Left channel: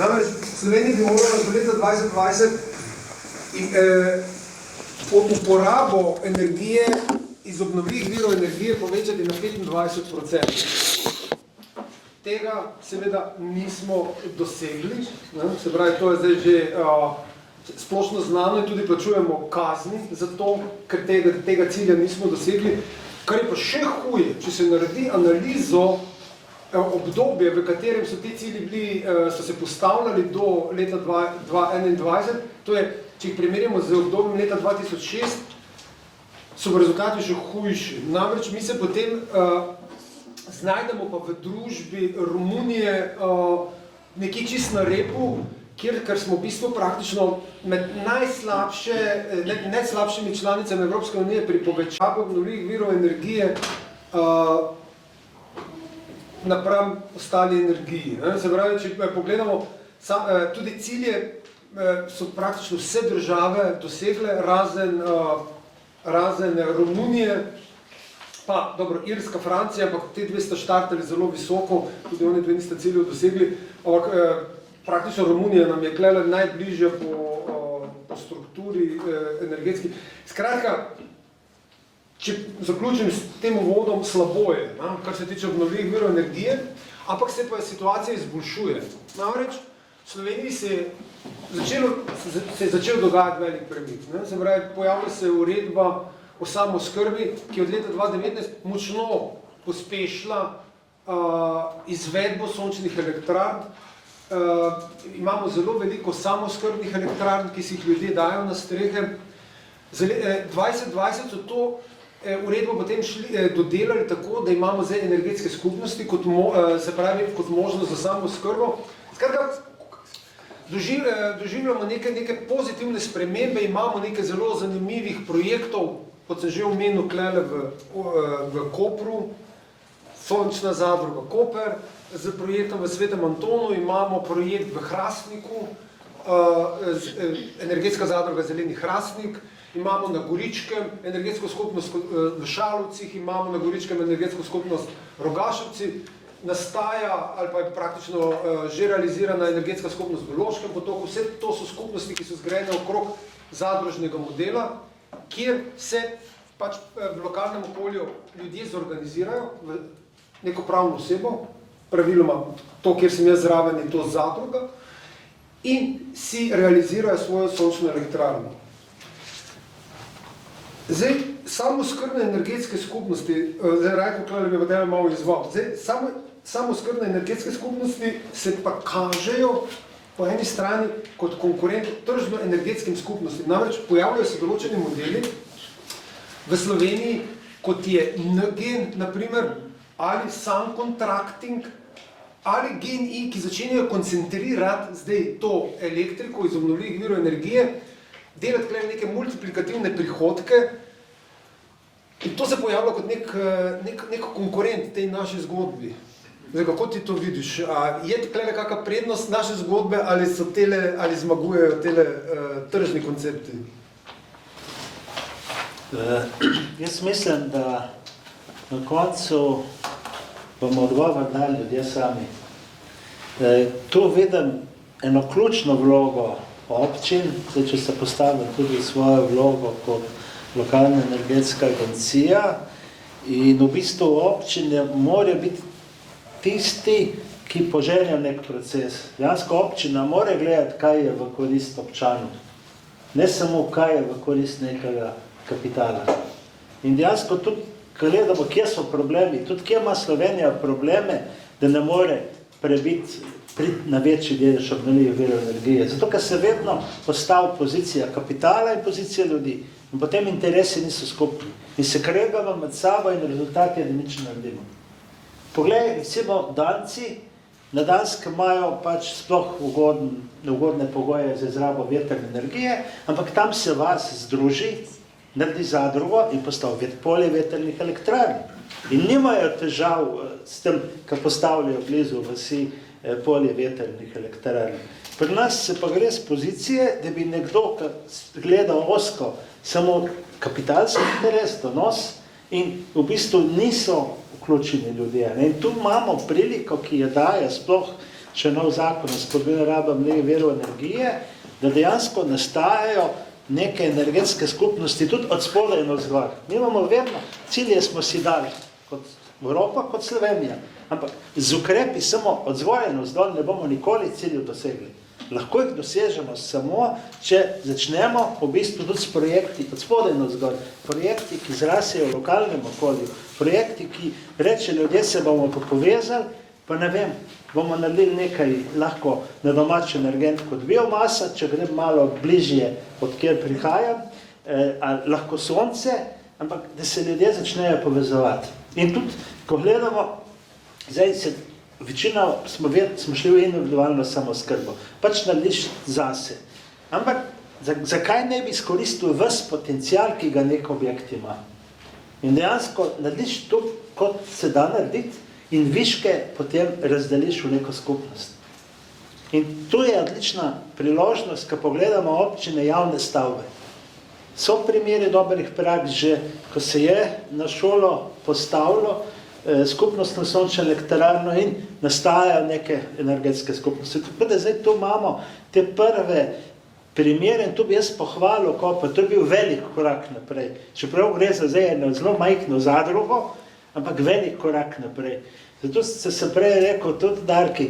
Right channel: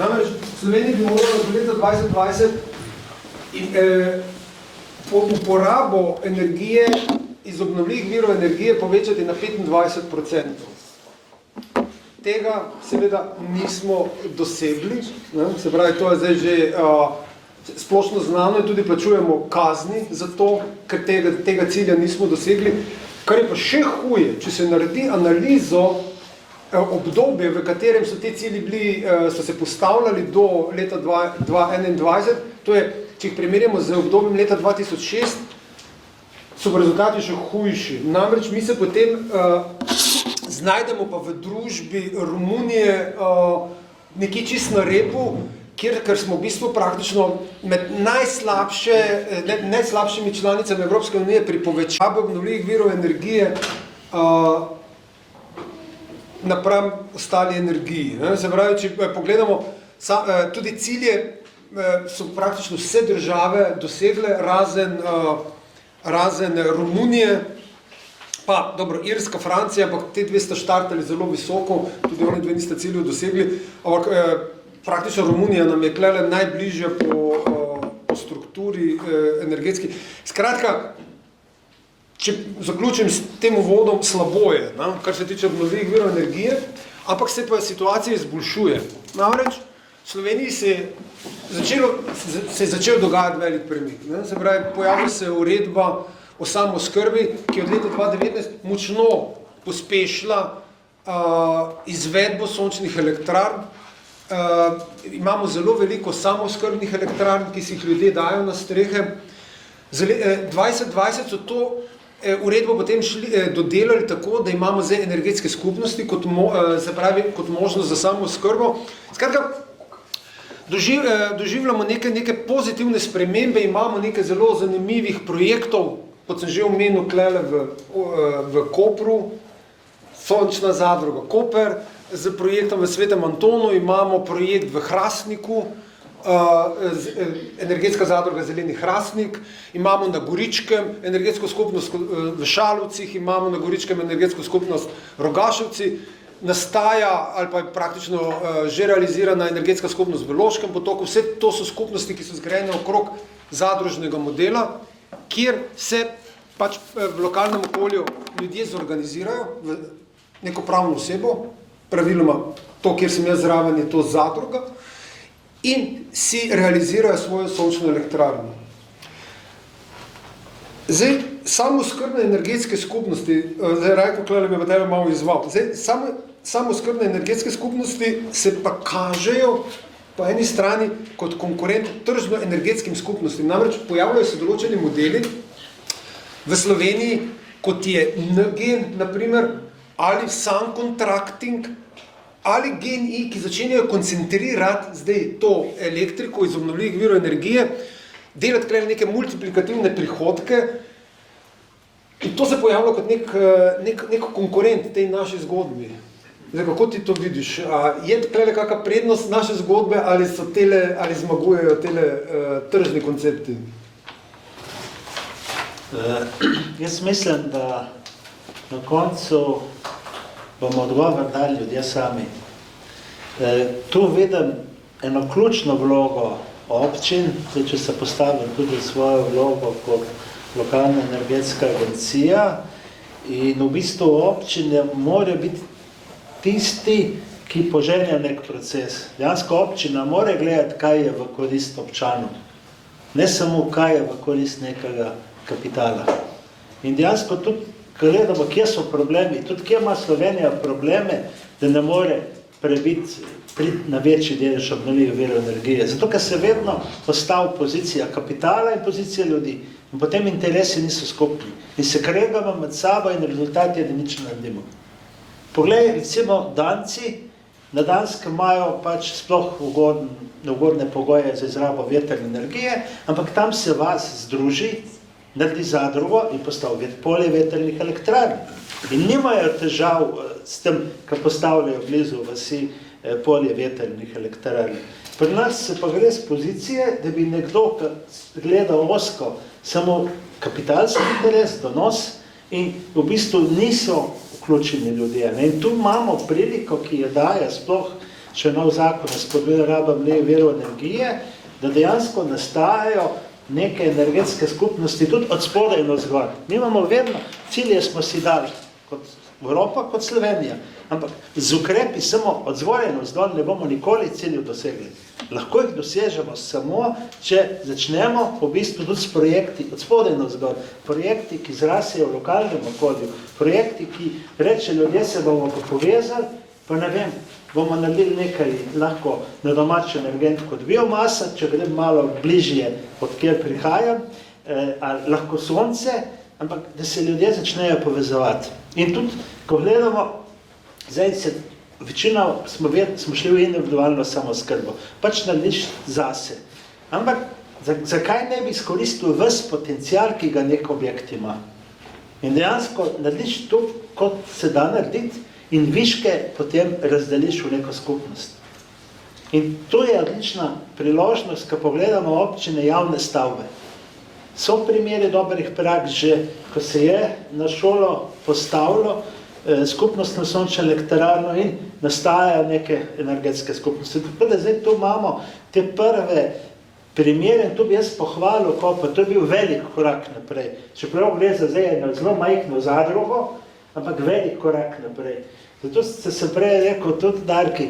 Namreč Slovenija bi morala do leta 2020 uporabo energije iz obnovljivih virov energije povečati na 25%. Tega seveda nismo dosegli, ne? Se pravi, to je zdaj že splošno znano in tudi plačujemo kazni za to, ker tega cilja nismo dosegli. Kar je pa še huje, če se naredi analizo obdobje, v katerem so te cilji bili, so se postavljali do leta 2021, to je, če jih primerjamo z obdobjem leta 2006, so rezultati še hujši. Namreč mi se potem znajdemo pa v družbi Romunije nekje čist na repu, ker smo v bistvu praktično med najslabšimi članicami Evropske unije pri povečavi obnovljivih virov energije napram ostali energiji. Se pravi, če pogledamo, tudi cilje so praktično vse države dosegle, razen Romunije, pa dobro, Irska, Francija, ampak te dve sta štartali zelo visoko, tudi oni dve nista ciljev dosegli, ampak praktično Romunija nam je klele najbližja po strukturi energetski. Skratka, če zaključim s tem uvodom, slabo je, kar se tiče obnovljivih virov energije, ampak se pa situacija izboljšuje. Namreč, v Sloveniji se je začel dogajati velik premik. Se pravi, pojavlja se uredba o samooskrbi, ki je od leta 2019 močno pospešila izvedbo sončnih elektrarn. Imamo zelo veliko samooskrbnih elektrarn, ki si jih ljudje dajo na strehe. 2020 so to uredbo potem dodelali tako, da imamo zdaj energetske skupnosti kot možnost za samooskrbo. Skratka, doživljamo neke pozitivne spremembe, imamo nekaj zelo zanimivih projektov, kot sem že omenil klele v Kopru, sončna zadruga Koper, z projektom v Svetem Antonu, imamo projekt v Hrastniku, energetska zadruga Zeleni Hrastnik, imamo na Goričkem energetsko skupnost v Šalovcih, imamo na Goričkem energetsko skupnost Rogaševci, nastaja ali pa je praktično že realizirana energetska skupnost v Loškem potoku. Vse to so skupnosti, ki so zgrajene okrog zadružnega modela, kjer se pač v lokalnem okolju ljudje zorganizirajo v neko pravno osebo, praviloma to, kjer sem jaz zraven, je to zadruga, in si realizirajo svojo sončno elektrarno. Zdaj, samooskrbne energetske skupnosti, zdaj Rajko Klele bi pa tebe malo izval, zdaj, samooskrbne energetske skupnosti se pa kažejo po eni strani kot konkurent tržno-energetskim skupnostim. Namreč pojavljajo se določeni modeli v Sloveniji, kot je NGEN, naprimer, ali Sun Contracting, ali GEN-I, ki začenjajo koncentrirati zdaj to elektriko iz obnovljivih virov energije, delati klej neke multiplikativne prihodke, in to se pojavlja kot nek konkurent tej naši zgodbi. Zdaj, kako ti to vidiš? Je klej kakšna prednost naše zgodbe, ali zmagujejo tele tržni koncepti? Jaz mislim, da na koncu bomo odgovor dali ljudje sami. Tu vidim eno ključno vlogo občin, če se postavim tudi svojo vlogo kot lokalna energetska agencija, in v bistvu občine morajo biti tisti, ki poženejo nek proces. Dejansko občina mora gledati, kaj je v korist občanov, ne samo kaj je v korist nekega kapitala. In dejansko tudi gledamo, kje so problemi, tudi kje ima Slovenija probleme, da ne more priti na večji delež obnovljivih virov energije. Zato, ker se vedno postavi pozicija kapitala in pozicija ljudi. In potem interesi niso skupni. In se kregamo med sabo in rezultat je, da nič ne naredimo. Poglej, recimo Danci, na Danskem imajo pač sploh neugodne pogoje za izrabo vetrne energije, ampak tam se vas združi, naredi zadrugo in postavi polje vetrnih elektrarn. In nimajo težav s tem, ko postavljajo blizu vasi polje vetrnih elektrarn. Pri nas se pa gre z pozicije, da bi nekdo gledal ozko samo kapitalski interes, donos, in v bistvu niso vključeni ljudje. In tu imamo priliko, ki jo daje sploh če nov zakon o spodbujanju rabe obnovljivih virov energije, da dejansko nastajajo neke energetske skupnosti tudi od spodaj in od zgor. Mi imamo vedno, cilje smo si dali kot Evropa, kot Slovenija, ampak z ukrepi samo od zgoraj in od zdol ne bomo nikoli ciljev dosegli. Lahko jih dosežemo samo, če začnemo v bistvu tudi s projekti od spodaj in od zgor. Projekti, ki zrasejo v lokalnem okolju, projekti, ki reče, ljudje se bomo pa povezali, pa ne vem, bomo naredili nekaj lahko na domač energent kot biomasa, če grem malo bližje, od kjer prihajam, lahko sonce, ampak da se ljudje začnejo povezovati. In tudi, ko gledamo, zdaj se večina smo šli v individualno samoskrbo, pač narediš zase. Ampak zakaj ne bi izkoristil ves potencial, ki ga nek objekt ima? In dejansko narediš to, kot se da narediti, in viške potem razdeliš v neko skupnost. In to je odlična priložnost, ko pogledamo občine javne stavbe. So primeri dobrih praks že, ko se je na šolo postavilo skupnostno sončno elektrarno in nastajajo neke energetske skupnosti. Tako da zdaj tu imamo te prve primere in tu bi jaz pohvalil Koper, to je bil velik korak naprej. Čeprav gre za zdaj eno zelo majhno zadrugo, ampak velik korak naprej. Zato sem prej rekel, tudi Darki,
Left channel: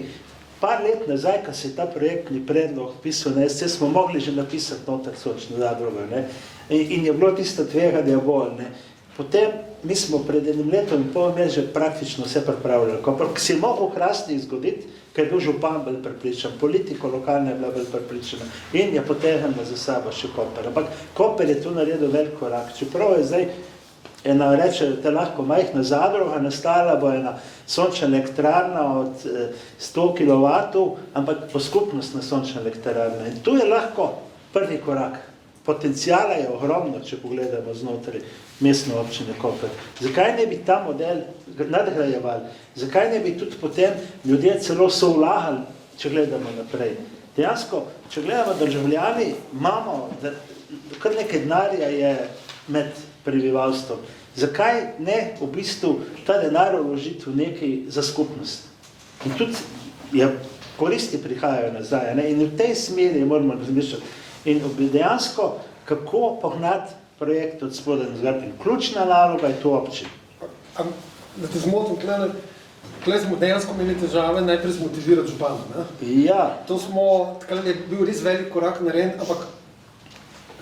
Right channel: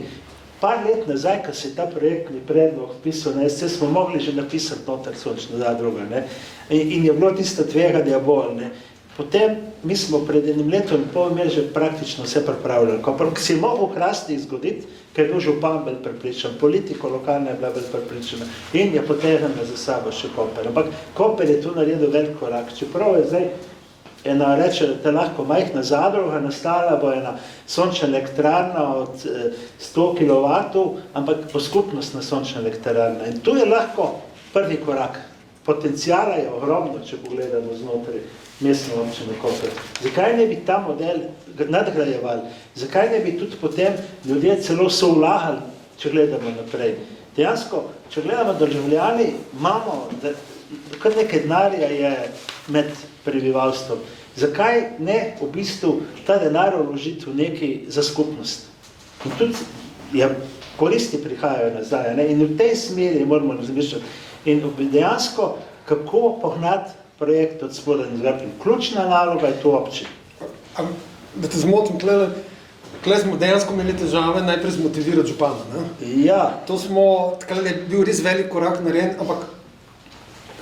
par let nazaj, ko se je ta projektni predlog pisal na SC, smo mogli že napisati noter sončno zadrugo, ne? In je bilo tisto tveganje bolj, ne? Potem mi smo pred enim letom in pol imeli že praktično vse pripravljeno. Ko se je mogel v Hrastih zgoditi, ker je bil župan bolj prepričan, politika lokalna je bila bolj prepričana in je potegnila za sabo še Koper. Ampak Koper je tu naredil velik korak. Čeprav je zdaj ena, reče, da lahko majhna zadruga, nastala bo ena sončna elektrarna od 100 kW, ampak po skupnostna sončna elektrarna. In tu je lahko prvi korak. Potencijala je ogromno, če pogledamo znotraj mestne občine Koper. Zakaj ne bi ta model nadgrajevali? Zakaj ne bi tudi potem ljudje celo soulagali, če gledamo naprej? Dejansko, če gledamo državljani, imamo, kar nekaj denarja je med prebivalstvom. Zakaj ne v bistvu ta denar vložiti v nekaj za skupnost? In tudi koristi prihajajo nazaj, ne? In v tej smeri moramo razmišljati. In dejansko, kako pognati projekt od spodaj in zgor. In ključna naloga je to občin. Da te zmotim, tle smo dejansko imeli težave najprej zmotivirati župana, ne? Ja. To smo, tako da je bil res velik korak narejen, ampak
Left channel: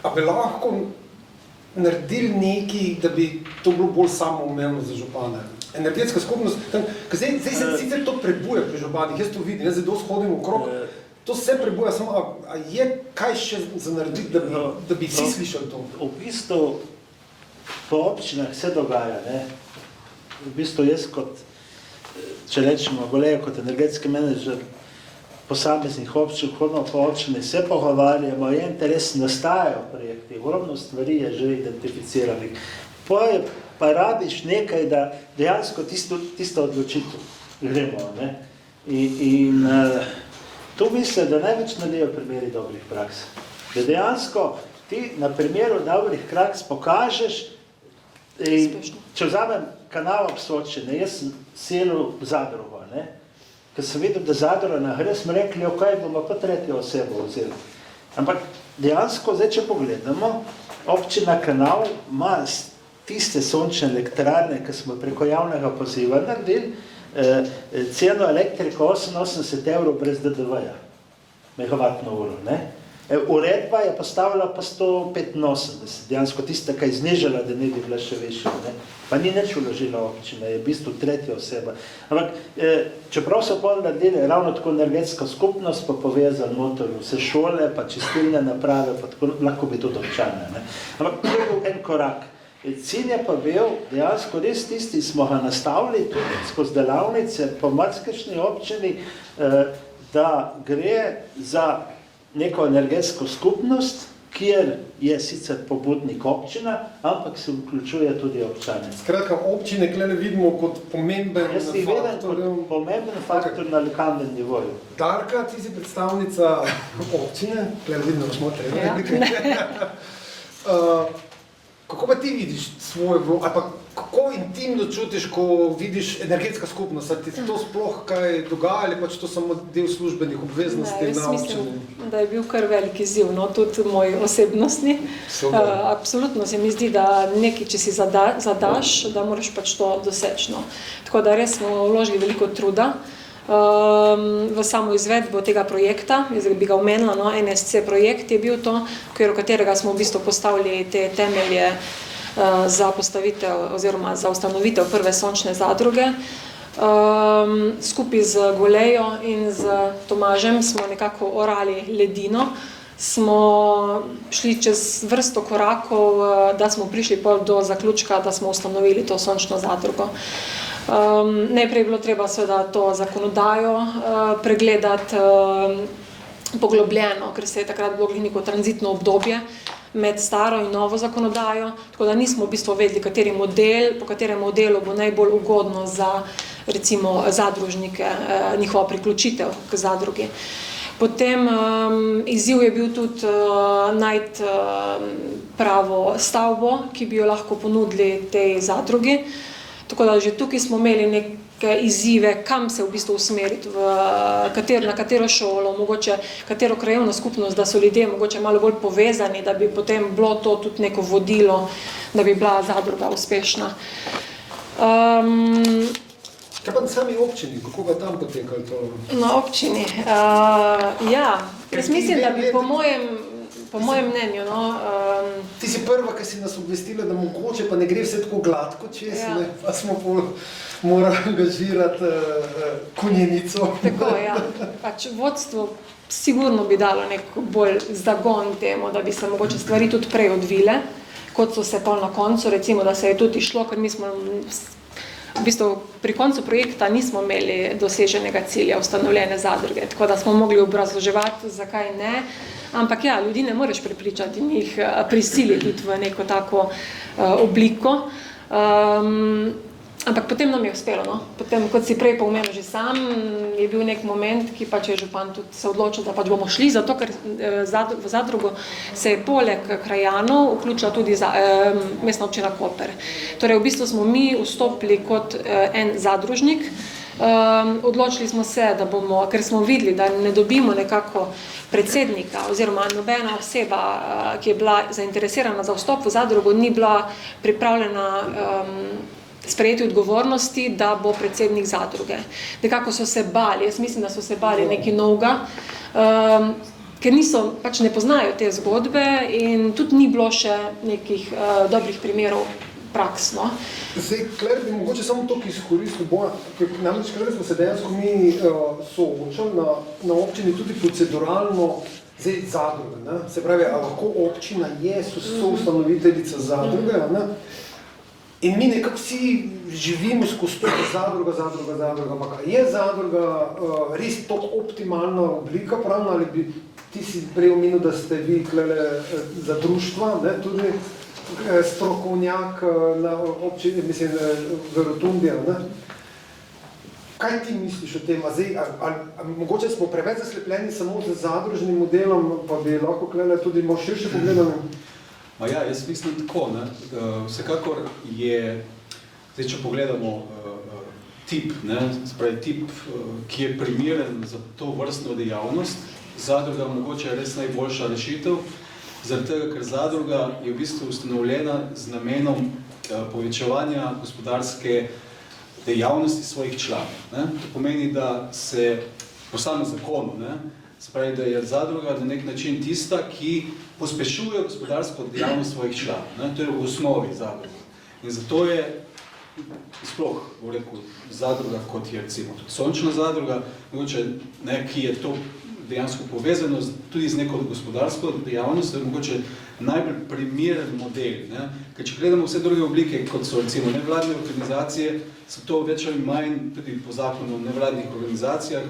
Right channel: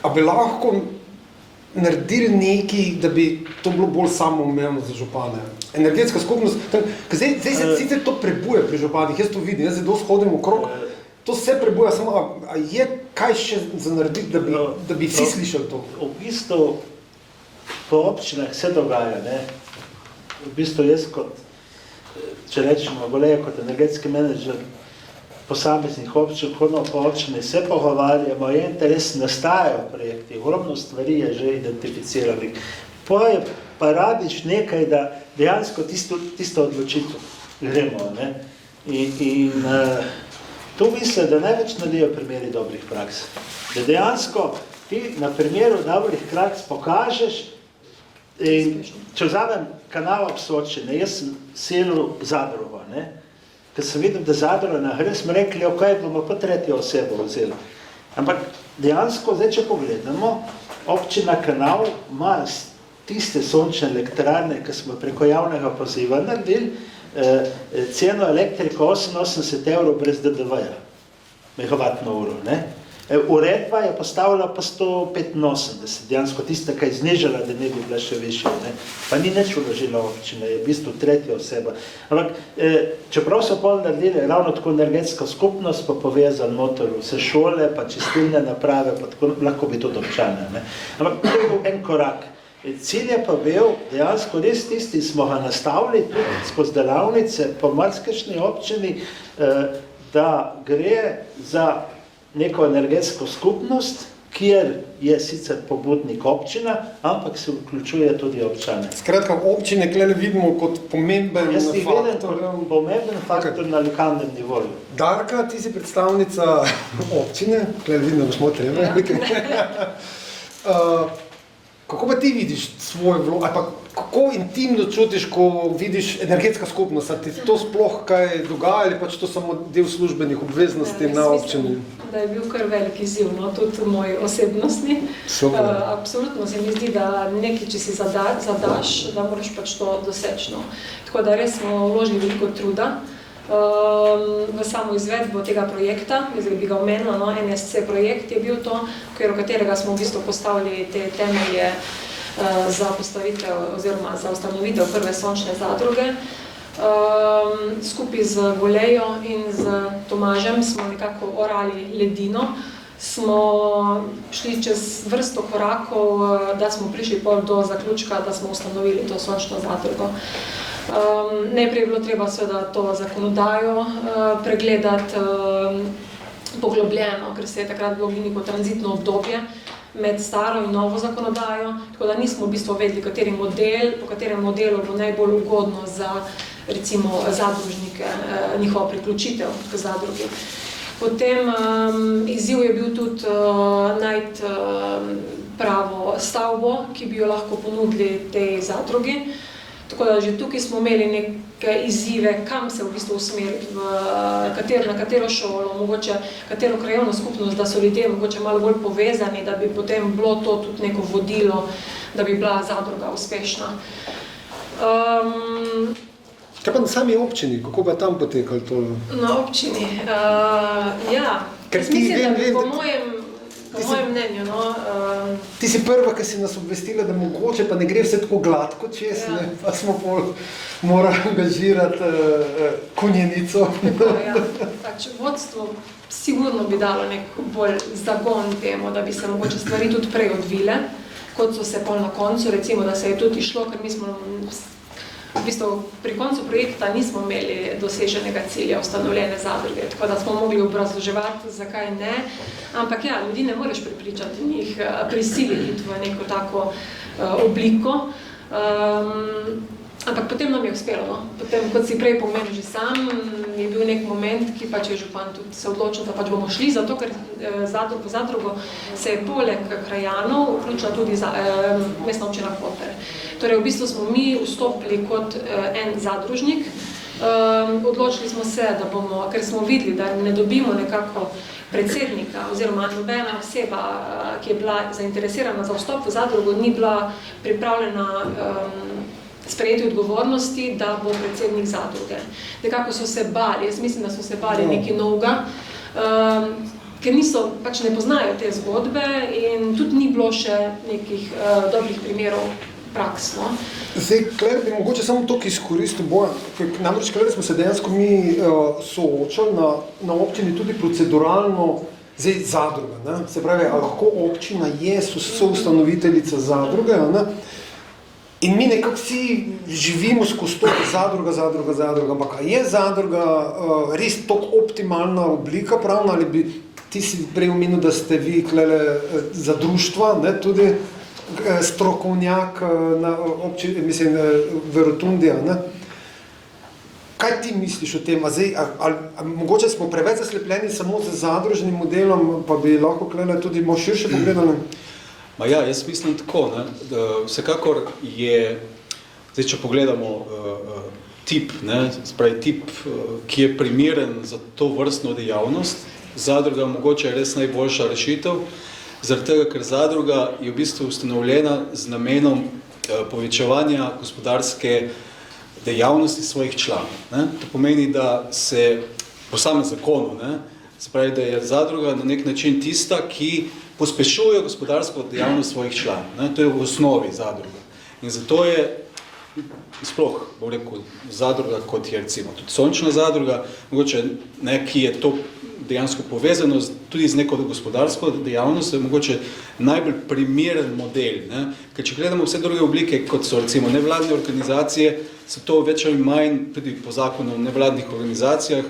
a bi lahko naredili nekaj, da bi to bilo bolj samoumevno za župane? Energetska skupnost, zdaj se sicer to prebuja pri županih, jaz to vidim, jaz se dosti hodim okrog, to se prebuja, samo a je kaj še za narediti, da bi vsi slišali to? V bistvu po občinah se dogaja, ne? V bistvu jaz kot, če rečemo, golejo kot energetski menedžer posameznih občin, hodno po občine, se pogovarjamo, je interes, nastajajo projekti, ogromno stvari je že identificiranih. Pa rabiš nekaj, da dejansko tisto odločitev gremo, ne? In tu mislim, da največ naredijo primeri dobrih praks. Da dejansko ti na primeru dobrih praks pokažeš, in če vzamem kanal ob Sočine, jaz sem selil Zadrugo, ne? Ker sem videl, da Zadruga na gre, smo rekli, ok, bomo pa tretjo osebo vzeli. Ampak dejansko, zdaj če pogledamo, občina Kanal ima tiste sončne elektrarne, ki smo preko javnega poziva naredili, ceno elektriko 88 € brez DDV-ja, megavatno uro, ne? Uredba je postavila pa 185, dejansko tista, ki je znižala, da ne bi bila še višja, ne? Pa ni nič vložila občina, je v bistvu tretja oseba. Ampak, čeprav so pol naredili ravno tako energetsko skupnost, pa povezali noter vse šole, pa čistilne naprave, pa tako, lahko bi tudi občane, ne? Ampak to je bil en korak. Cilj je pa bil, dejansko res tisti smo ga nastavili tudi skozi delavnice po marsikšni občini, da gre za neko energetsko skupnost, kjer je sicer pobudnik občina, ampak se vključuje tudi občane. Skratka, občine tukaj vidimo kot pomemben faktor. Jaz jih vidim kot pomemben faktor na lokalnem nivoju. Darka, ti si predstavnica občine, tukaj vidim, da smo treba. Kako pa ti vidiš svoj vlog, ali pa kako intimno čutiš, ko vidiš energetska skupnost, ali ti to sploh kaj dogaja, ali pač to samo del službenih obveznosti na občini? Mislim, da je bil kar velik izziv, no, tudi v moji osebnostni. Absolutno se mi zdi, da nekaj, če si zadaš, da moraš pač to doseči. No. Tako da res smo vložili veliko truda v samo izvedbo tega projekta, jaz bi ga omenila, no, NSC projekt je bil to, v okviru katerega smo v bistvu postavili te temelje za postavitev oziroma za ustanovitev prve sončne zadruge. Skupaj z Golejo in z Tomažem smo nekako orali ledino, smo šli čez vrsto korakov, da smo prišli do zaključka, da smo ustanovili to sončno zadrugo. Najprej je bilo treba seveda to zakonodajo pregledati poglobljeno, ker se je takrat bilo neko tranzitno obdobje med staro in novo zakonodajo, tako da nismo v bistvu vedeli, po katerem modelu bo najbolj ugodno za recimo zadružnike, njihova priključitev k zadrugi. Potem izziv je bil tudi najti pravo stavbo, ki bi jo lahko ponudili tej zadrugi. Tako da že tukaj smo imeli neke izzive, kam se v bistvu usmeriti, na katero šolo, mogoče katero krajevno skupnost, da so ljudje mogoče malo bolj povezani, da bi potem bilo to tudi neko vodilo, da bi bila zadruga uspešna. Kaj pa na sami občini, kako bi tam potekali to? Na občini, ja, jaz mislim, da bi po mojem mnenju, no... Ti si prva, ki si nas obvestila, da mogoče pa ne gre vse tako gladko čez, ja. Ne, pa smo morali angažirati konjenico. Tako, ja. Pač vodstvo sigurno bi dalo nek bolj zagon temu, da bi se mogoče stvari tudi prej odvile, kot so se pol na koncu, recimo, da se je tudi išlo, ker mi smo v bistvu pri koncu projekta nismo imeli doseženega cilja ustanovljene zadruge, tako da smo mogli obrazloževati, zakaj ne. Ampak ja, ljudi ne moreš prepričati in jih prisiliti v neko tako obliko. Ampak potem nam je uspelo, no. Potem, kot si prej pomenil že sam, je bil nek moment, ki pač je župan tudi se odločil, da pač bomo šli, zato ker v zadrugo se je poleg krajanov vključila tudi mestna občina Koper. Torej, v bistvu smo mi vstopili kot en zadružnik. Odločili smo se, da bomo, ker smo videli, da ne dobimo nekako predsednika oziroma nobena oseba, ki je bila zainteresirana za vstop v zadrugo, ni bila pripravljena sprejeti odgovornosti, da bo predsednik zadruge. Nekako so se bali, jaz mislim, da so se bali nekaj novega, ker pač ne poznajo te zgodbe in tudi ni bilo še nekih dobrih primerov praks, no. Zdaj, Kler, bi mogoče samo to izkoristil, namreč, Kler, smo se dejansko mi soočali na občini tudi proceduralno zadruge, ne? Se pravi, lahko občina je soustanoviteljica zadruge, ne? In mi nekako vsi živimo skozi to zadruga, ampak je zadruga res toliko optimalna oblika pravna, ali bi ti si prej omenil, da ste vi klele za društva, ne, tudi strokovnjak na občini, mislim, v Rotundija, ne? Kaj ti misliš o tem? Zdaj, mogoče smo preveč zaslepljeni samo z zadružnim modelom, pa bi lahko klele tudi malo širše pogledali? Ja, jaz mislim tako, ne, vsekakor je, zdaj, če pogledamo tip, ne, spravi tip, ki je primeren za to vrstno dejavnost, zadruga mogoče je res najboljša rešitev, zaradi tega, ker zadruga je v bistvu ustanovljena z namenom povečevanja gospodarske dejavnosti svojih članov, ne. To pomeni, da se po samem zakonu, ne, spravi, da je zadruga na nek način tista, ki pospešuje gospodarsko dejavnost svojih članov. Ne? To je v osnovi zadruga. In zato je sploh, bom rekel, zadruga, kot je recimo tudi sončna zadruga, mogoče ki je to dejansko povezano tudi z neko gospodarsko dejavnostjo, mogoče najbolj primeren model. Ne? Ker če gledamo vse druge oblike, kot so recimo nevladne organizacije, so to več ali manj tudi po zakonu o nevladnih organizacijah,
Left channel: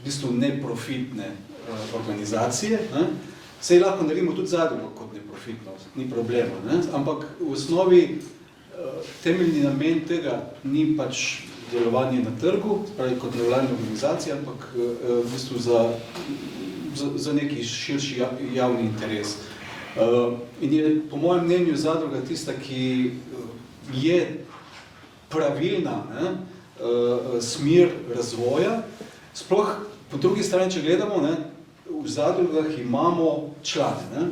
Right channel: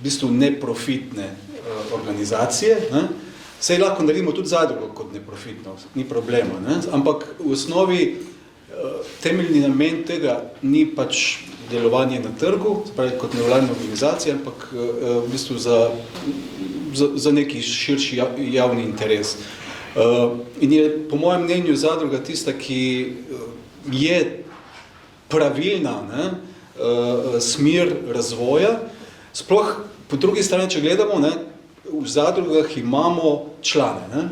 v bistvu neprofitne organizacije, ne? Sej lahko naredimo tudi zadrugo kot neprofitno, ni problema, ne? Ampak v osnovi temeljni namen tega ni pač delovanje na trgu, spravi kot nevladna organizacija, ampak v bistvu za neki širši javni interes. In je po mojem mnenju zadruga tista, ki je pravilna, ne, smer razvoja. Sploh po drugi strani, če gledamo, ne, v zadrugah imamo člane, ne,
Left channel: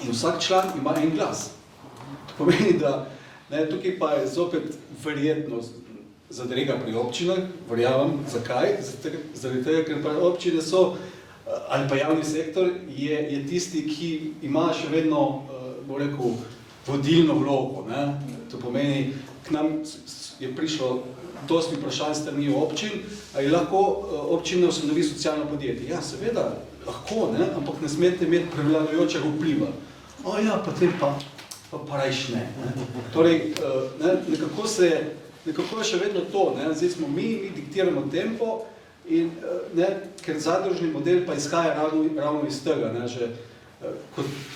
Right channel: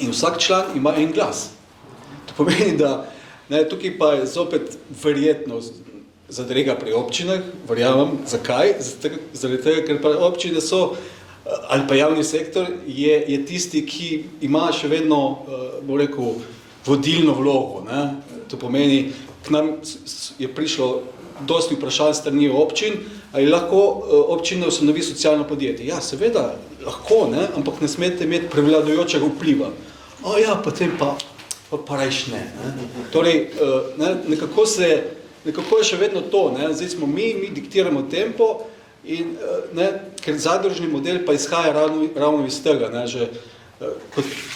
in vsak član ima en glas. To pomeni, da ne, tukaj pa je zopet verjetnost zadrega pri občinah, verjamem, zakaj? Zaradi tega, ker pa občine so, ali pa javni sektor, je tisti, ki ima še vedno, bom rekel, vodilno vlogo. Ne? To pomeni, k nam je prišlo dosti vprašanj strani občin, ali lahko občina ustanovi socialno podjetje. Ja, seveda, lahko, ne? Ampak ne smete imeti prevladujočega vpliva. O ja, potem pa rajš ne. Torej, ne, nekako je še vedno to, ne? Zdaj smo mi diktiramo tempo, in, ne, ker zadružni model pa izhaja ravno iz tega, ne, že,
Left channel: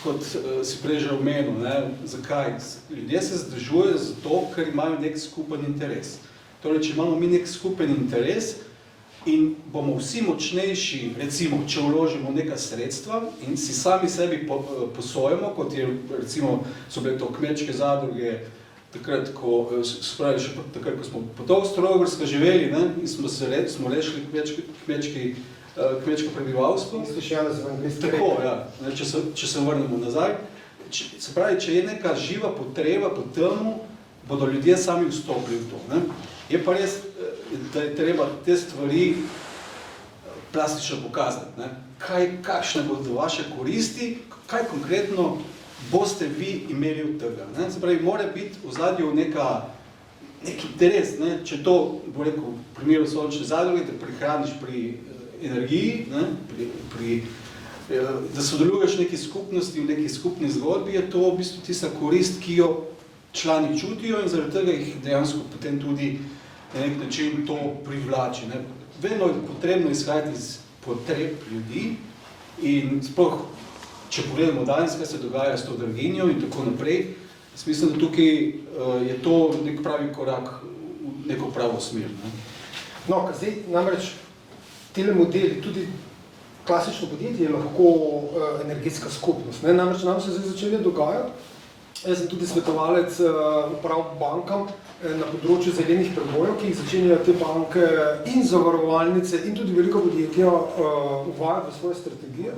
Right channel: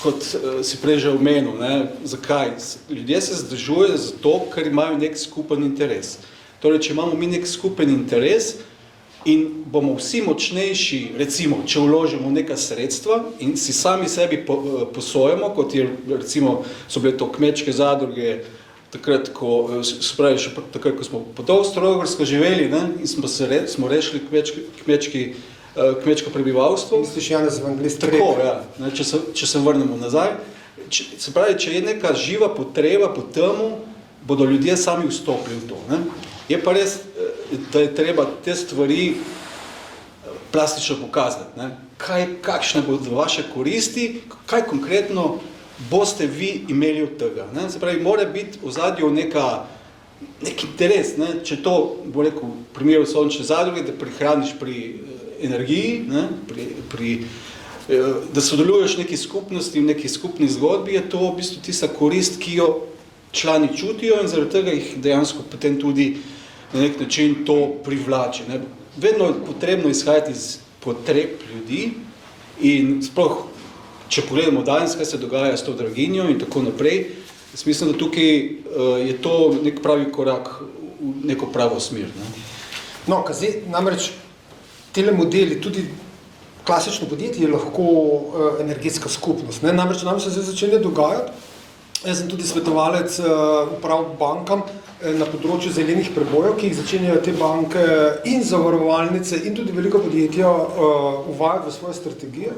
kot si prej že omenil, ne, zakaj? Ljudje se združujejo zato, ker imajo nek skupen interes. Torej, če imamo mi nek skupen interes in bomo vsi močnejši, recimo, če vložimo neka sredstva in si sami sebi posojamo, kot je, recimo, so bile to kmečke zadruge, takrat, ko smo po Avstro-Ogrsko živeli, ne, in smo rešili kmečko prebivalstvo. Misliš, Janez Evangelist? Tako, ja, ne, če se vrnemo nazaj. Se pravi, če je neka živa potreba po temu, bodo ljudje sami vstopili v to. Ne. Je pa res, da je treba te stvari plastično pokazati. Ne. Kakšne bodo vaše koristi, kaj konkretno boste vi imeli od tega. Ne? Se pravi, mora biti v zadju nek interes. Ne? Če to, bo rekel, v primeru sončne zadruge, da prihraniš pri energiji, ne? Da sodeluješ v neki skupnosti, v neki skupni zgodbi, je to v bistvu tista korist, ki jo člani čutijo in zaradi tega jih dejansko potem tudi na nek način to privlači. Ne? Vedno je potrebno izhajati iz potreb ljudi in sploh, če pogledamo danes, kaj se dogaja s to draginjo in tako naprej, mislim, da tukaj je to nek pravi korak v neko pravo smer. Ne? No, zdaj namreč tele modeli, tudi klasično podjetje je lahko energetska skupnost. Ne? Namreč nam se zdaj začne dogajati. Jaz sem tudi svetovalec prav bankam na področju zelenih prebojev, ki jih začenjajo te banke in zavarovalnice in tudi velika podjetja uvajati v svoje strategije.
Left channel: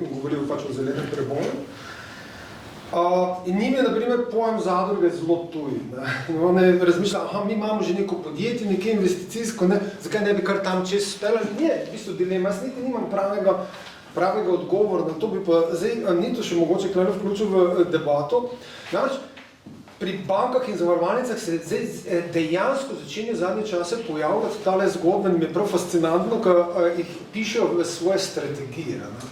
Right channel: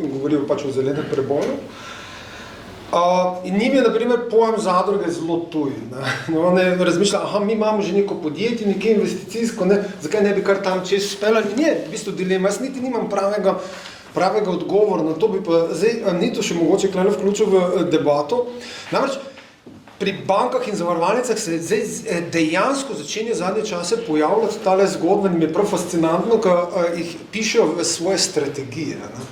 Govorijo pač o zelenem preboju. In njim je, na primer, pojem zadruge zelo tuj. One razmišljajo, aha, mi imamo že neko podjetje, nekaj investicijsko, ne, zakaj ne bi kar tam čez speljali? In je v bistvu dilema, jaz niti nimam pravega odgovora na to, bi pa zdaj Nito še mogoče kleno vključil v debato. Namreč pri bankah in zavarovalnicah se zdaj dejansko začenja zadnje čase pojavljati tale zgodba, in mi je prav fascinantno, ko jih pišejo v svoje strategije. Ne?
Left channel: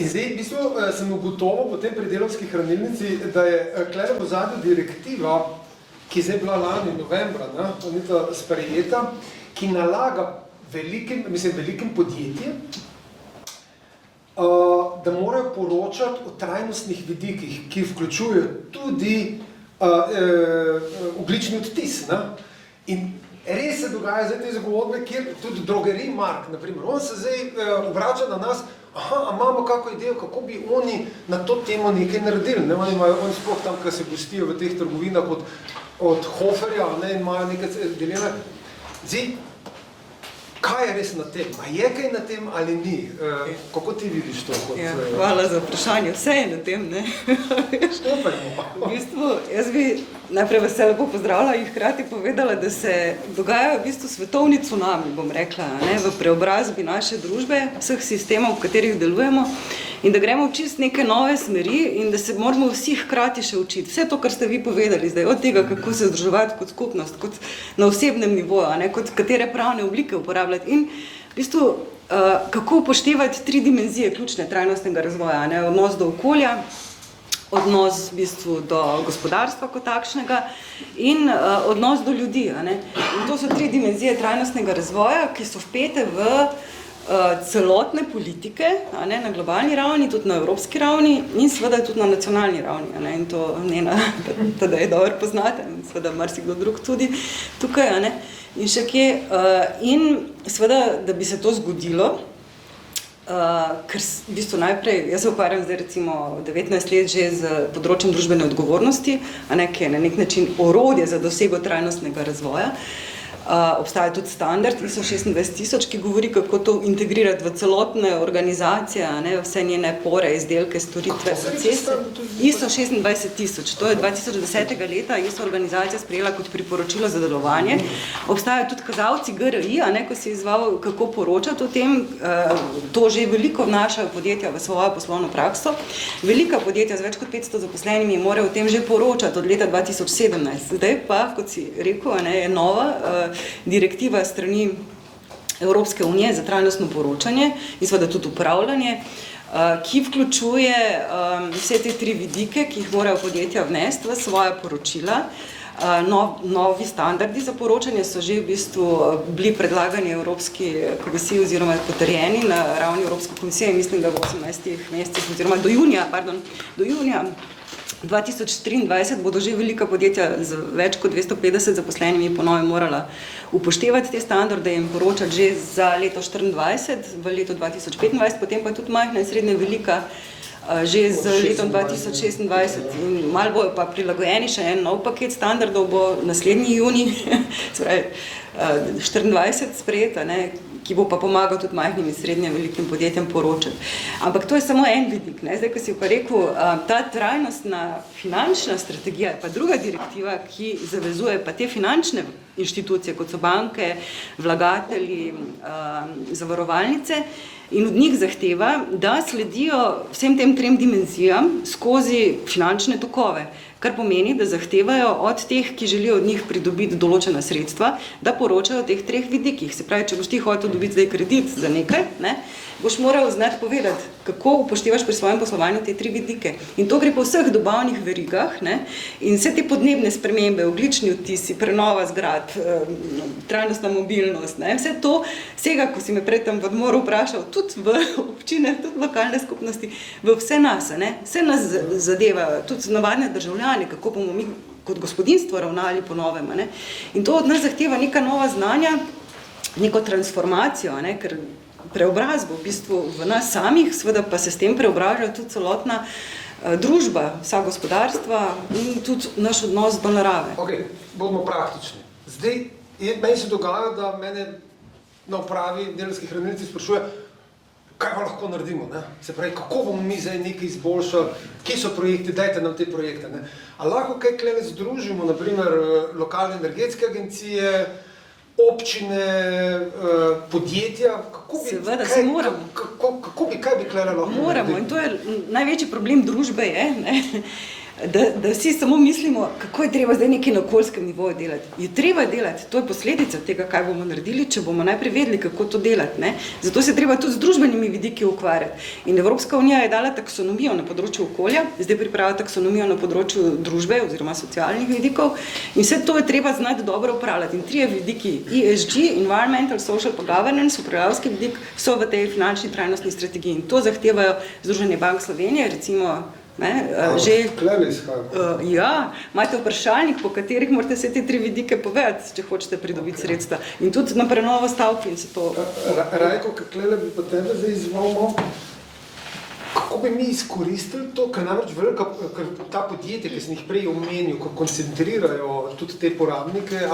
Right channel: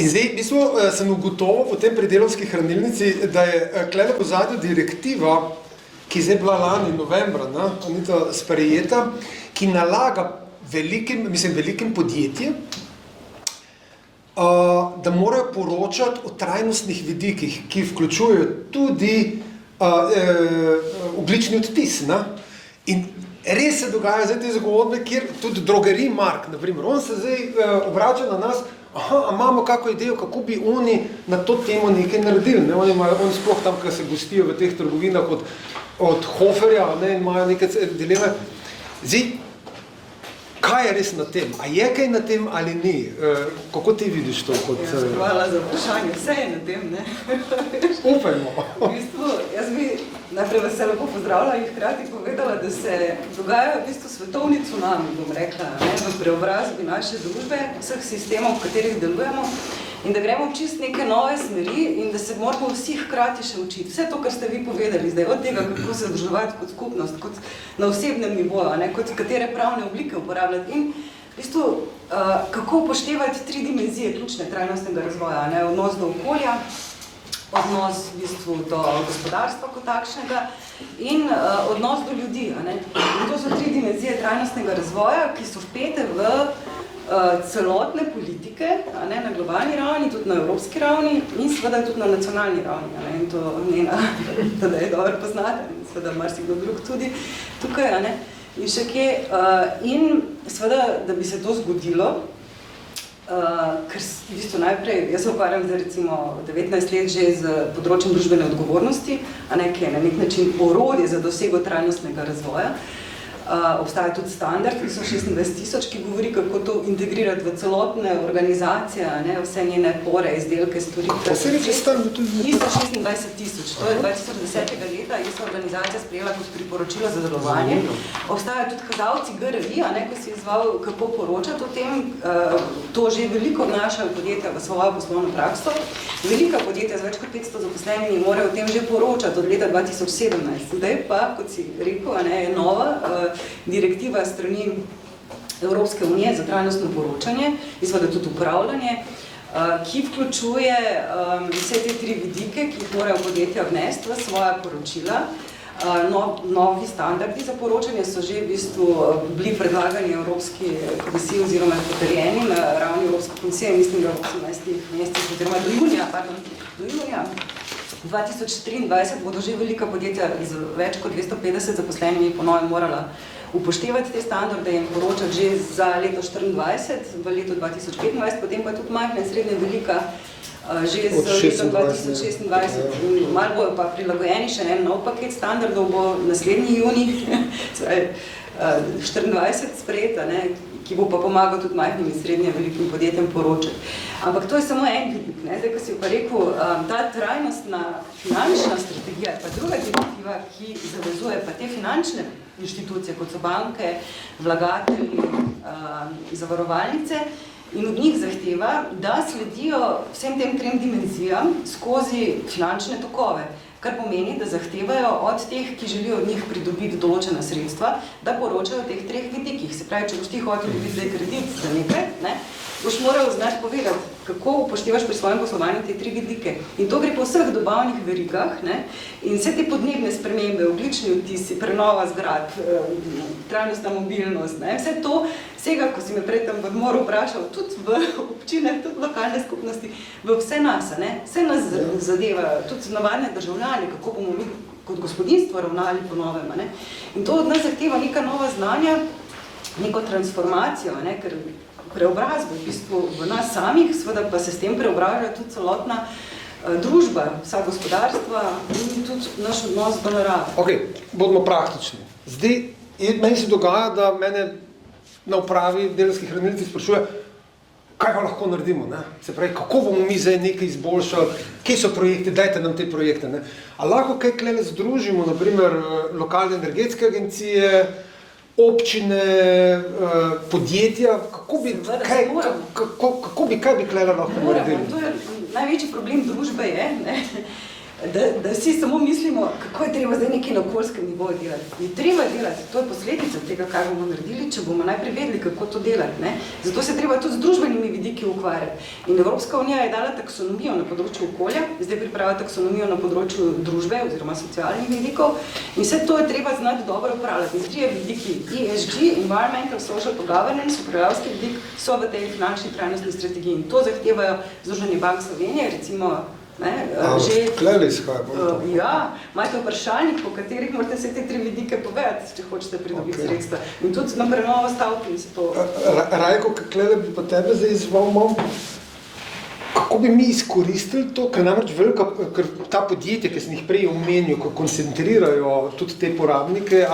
In zdaj, v bistvu, sem ugotovil po tem pri Delavski hranilnici, da je kleno v zadnjo direktiva, ki zdaj bila lani novembra, ne, sprejeta, ki nalaga velikim podjetjem, da morajo poročati o trajnostnih vidikih, ki vključujejo tudi ogljični odtis. Ne? In res se dogaja zdaj te zgodbe, kjer tudi drogerij Mark, na primer, on se zdaj obrača na nas, aha, a imamo kako idejo, kako bi oni na to temo nekaj naredili. Ne? Oni sploh tam, ko se gostijo v teh trgovinah od Hoferja, ne, in imajo nekaj dileme. Zdaj, kaj je res na tem? A je kaj na tem ali ni? Kako ti vidiš to? Hvala za vprašanje. Vse je na tem, ne? Upajmo. V bistvu, jaz bi najprej vas lepo pozdravila in hkrati povedala, da se dogajajo v bistvu svetovni cunami, bom rekla, ne, v preobrazbi naše družbe, vseh sistemov, v katerih delujemo, in da gremo v čist neke nove smeri in da se moramo vsi hkrati še učiti. Vse to, kar ste vi povedali zdaj, od tega, kako se združevati kot skupnost, kot na osebnem nivoju, ne, kot katere pravne oblike uporabljati in v bistvu, kako upoštevati 3 dimenzije ključne trajnostnega razvoja, ne, odnos do okolja, odnos v bistvu do gospodarstva kot takšnega in odnos do ljudi. Ne. In to so 3 dimenzije trajnostnega razvoja, ki so vpete v celotne politike, ne, na globalni ravni, tudi na evropski ravni in seveda tudi na nacionalni ravni. Ne, in to Nena tedaj dobro poznate, in seveda marsikdo drug tudi tukaj. Ne, in še kje. In seveda, da bi se to zgodilo, ker v bistvu najprej, jaz se ukvarjam zdaj recimo 19 let že z področjem družbene odgovornosti, ki je na nek način orodje za dosego trajnostnega razvoja. Obstaja tudi standard ISO 26000, ki govori, kako to integrirati v celotne organizacije, vse njene pore, izdelke, storitve. ISO 26000, to je 2010. leta ISO organizacija sprejela kot priporočilo za delovanje. Obstajajo tudi kazalci GRI, ko si izval, kako poročati o tem. To že veliko vnašajo podjetja v svojo poslovno prakso. Velika podjetja z več kot 500 zaposlenimi morajo o tem že poročati od leta 2017. Zdaj pa, kot si rekel, je nova direktiva strani Evropske unije za trajnostno poročanje in seveda tudi upravljanje, ki vključuje vse te 3 vidike, ki jih morajo podjetja vnesti v svoja poročila. Novi standardi za poročanje so že v bistvu bili predlagani Evropski komisiji oziroma potrjeni na ravni Evropske komisije, mislim, da v 18 mesecih oziroma do junija 2023 bodo že velika podjetja z več kot 250 zaposlenimi po novem morala upoštevati te standarde in poročati že za leto 2024, v letu 2025, potem pa tudi majhna in srednje velika že z letom 2026 in malo bojo pa prilagojeni, še en nov paket standardov bo naslednji junij, 24 sprejeta, ki bo pa pomagal tudi majhnim in srednje velikim podjetjem poročati. Ampak to je samo en vidik. Zdaj, ko si pa rekel, ta trajnostna finančna strategija, pa druga direktiva, ki zavezuje pa te finančne inštitucije, kot so banke, vlagatelji, zavarovalnice, in od njih zahteva, da sledijo vsem tem 3 dimenzijam skozi finančne tokove, kar pomeni, da zahtevajo od teh, ki želijo od njih pridobiti določena sredstva, da poročajo o teh 3 vidikih. Se pravi, če boš ti hotel dobiti zdaj kredit za nekaj, boš moral znati povedati, kako upoštevaš pri svojem poslovanju te 3 vidike. In to gre po vseh dobavnih verigah, in vse te podnebne spremembe, ogljični odtisi, prenova zgradb, trajnostna mobilnost, vse to sega, ko si me prej tam v odmoru vprašal, tudi v občine, tudi v lokalne skupnosti, v vse nas, vse nas zadeva, tudi navadne državljani, kako bomo mi kot gospodinstvo ravnali po novem. In to od nas zahteva neka nova znanja, neko transformacijo, ker preobrazbo v bistvu v nas samih, seveda pa se s tem preobraža tudi celotna družba, vsa gospodarstva in tudi naš odnos do narave. Ok, bodimo praktični. Zdaj, meni se dogaja, da mene na upravi delavskih hranilnic sprašuje, kaj pa lahko naredimo, Se pravi, kako bomo mi zdaj nekaj izboljšali, kje so projekti, dajte nam te projekte, A lahko kaj klene združimo, naprimer lokalne energetske agencije, občine, podjetja, kaj bi klene lahko naredili? Moramo, in to je največji problem družbe da vsi samo mislimo, kako je treba zdaj nekaj na okoljskem nivoju delati. Je treba delati, to je posledica tega, kaj bomo naredili, če bomo najprej vedeli, kako to delati. Zato se treba tudi z družbenimi vidiki ukvarjati. In Evropska unija je dala taksonomijo na področju okolja, zdaj pripravlja taksonomijo na področju družbe oziroma socialnih vidikov in vse to je treba znati dobro upravljati. In 3 vidiki, ESG, Environmental, Social and Governance, upravljalski vidik, so v tej finančni trajnostni strategiji. In to zahtevajo Združenje bank Slovenije, recimo že, imate vprašalnik, po katerih morate vse te 3 vidike povedati, če hočete pridobiti sredstva. In tudi na prenovo stavki se to... Rajko, Klele, bi pa tebe zdaj izval, kako bi mi izkoristili to, ker namreč ker ta podjetja, ki sem jih prej omenil, ko koncentrirajo tudi te porabnike,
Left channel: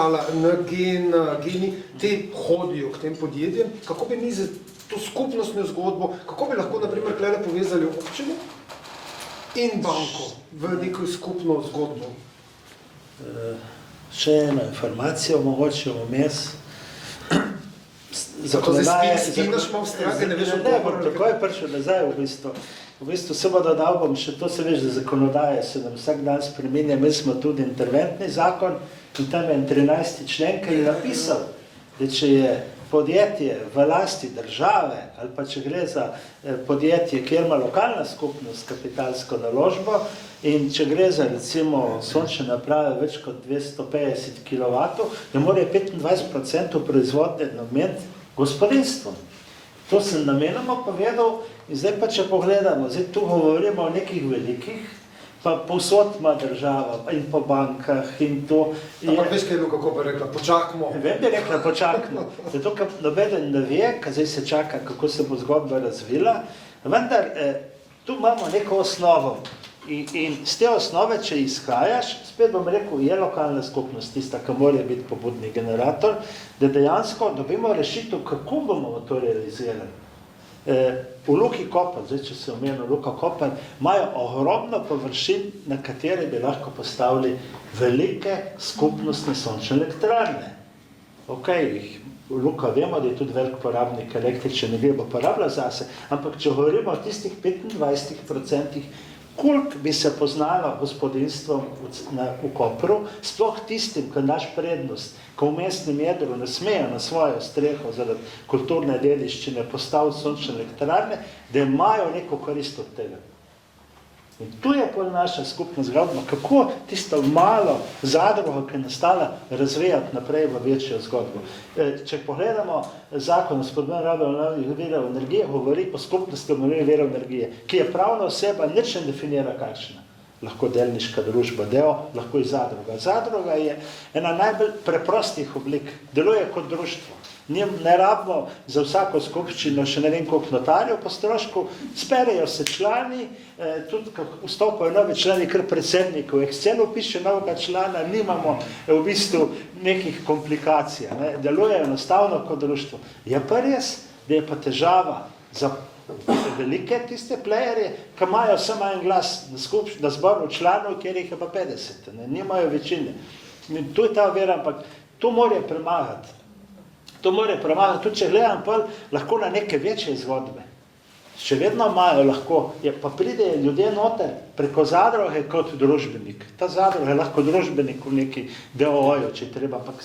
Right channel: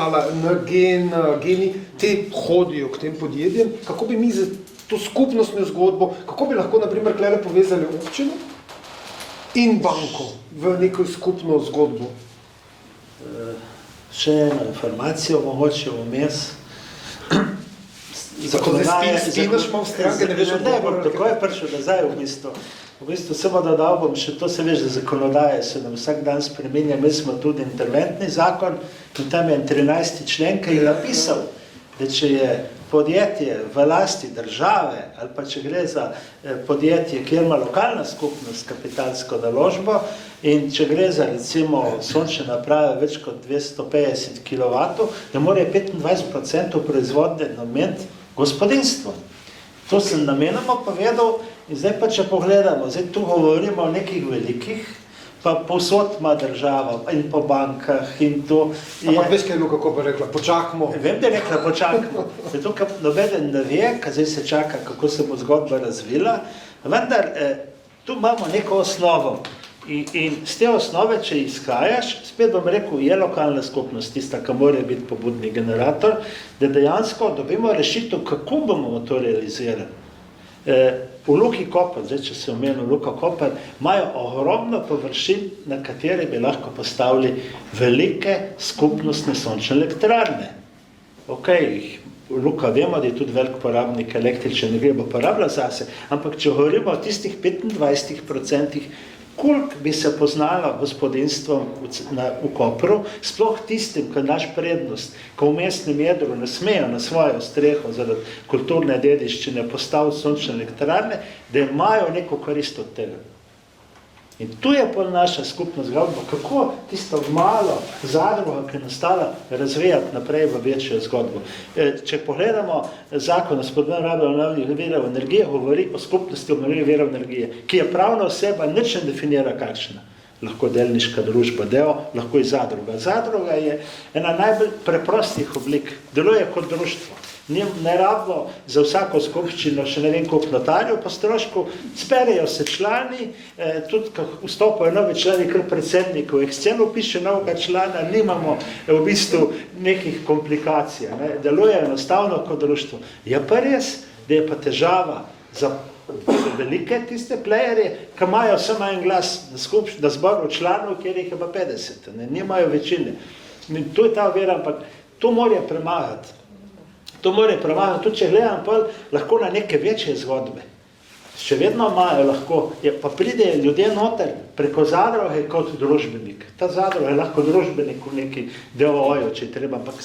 geni, te hodijo k tem podjetjem, kako bi mi za to skupnostno zgodbo, kako bi lahko, naprimer, Klele povezali občino in banko v neko skupno zgodbo? Še eno informacijo, mogoče vmes. Bom takoj prišel nazaj v bistvu. V bistvu samo dodal bom še to, se veš, da zakonodaje se nam vsak dan spreminja. Mi smo tudi interventni zakon in tam je 13. člen, ki je napisal, da če je podjetje v lasti države ali pa če gre za podjetje, kjer ima lokalna skupnost kapitalsko naložbo in če gre za recimo sončne naprave več kot 250 kW, da mora 25% proizvodnje nameniti gospodinstvo. To sem namenoma povedal in zdaj pa če pogledamo, zdaj tu govorimo o nekih velikih pa povsod ima država in po bankah in to je... Ampak veš, kaj je Luka Koper rekla, počakamo. Vem, da je rekla, počakamo. Zato, ker nobeden ne ve, kaj zdaj se čaka, kako se bo zgodba razvila, vendar tu imamo neko osnovo. In z te osnove, če izhajaš, spet bom rekel, je lokalna skupnost tista, ki mora biti pobudni generator, da dejansko dobimo rešitev, kako bomo to realizirali. V Luki Koper, zdaj če se omenil Luka Koper, imajo ogromno površin, na katere bi lahko postavili velike skupnostne sončne elektrarne. Ok, Luka vemo, da je tudi velik porabnik električne energije, bo porabila zase, ampak če govorimo o tistih 25%, koliko bi se poznalo gospodinstvom v Kopru, sploh tistim, ki naš prednost, ko v mestnem jedru ne smejo na svojo streho zaradi kulturne dediščine postaviti sončne elektrarne, da imajo neko korist od tega. In tu je pol naša skupna zgodba, kako tisto malo zadrugo, ki je nastala, razvijati naprej v večjo zgodbo. Če pogledamo zakon o spodbujanju rabe obnovljivih virov energije, govori o skupnosti obnovljivih virov energije, ki je pravna oseba, nič ne definira kakšna. Lahko delniška družba, lahko i zadruga. Zadruga je ena najbolj preprostih oblik, deluje kot društvo. Ne rabimo za vsako skupščino še ne vem koliko notarjev po strošku, sperejo se člani, tudi ko vstopajo novi člani, kar predsednik v Excelu piše novega člana, nimamo v bistvu nekih komplikacij, ne? Deluje enostavno kot društvo. Je pa res, da je pa težava za velike tiste playerje, ki imajo samo en glas na zboru članov, kjer jih je pa 50, ne? Nimajo večine. In tu je ta vera, ampak to mora premagati. To mora premagati, tudi če gledam pol, lahko na neke večje zgodbe. Še vedno imajo lahko, pa pridejo ljudje noter preko zadruge kot družbenik. Ta zadruga je lahko družbenik v neki DOO-ju, če treba, ampak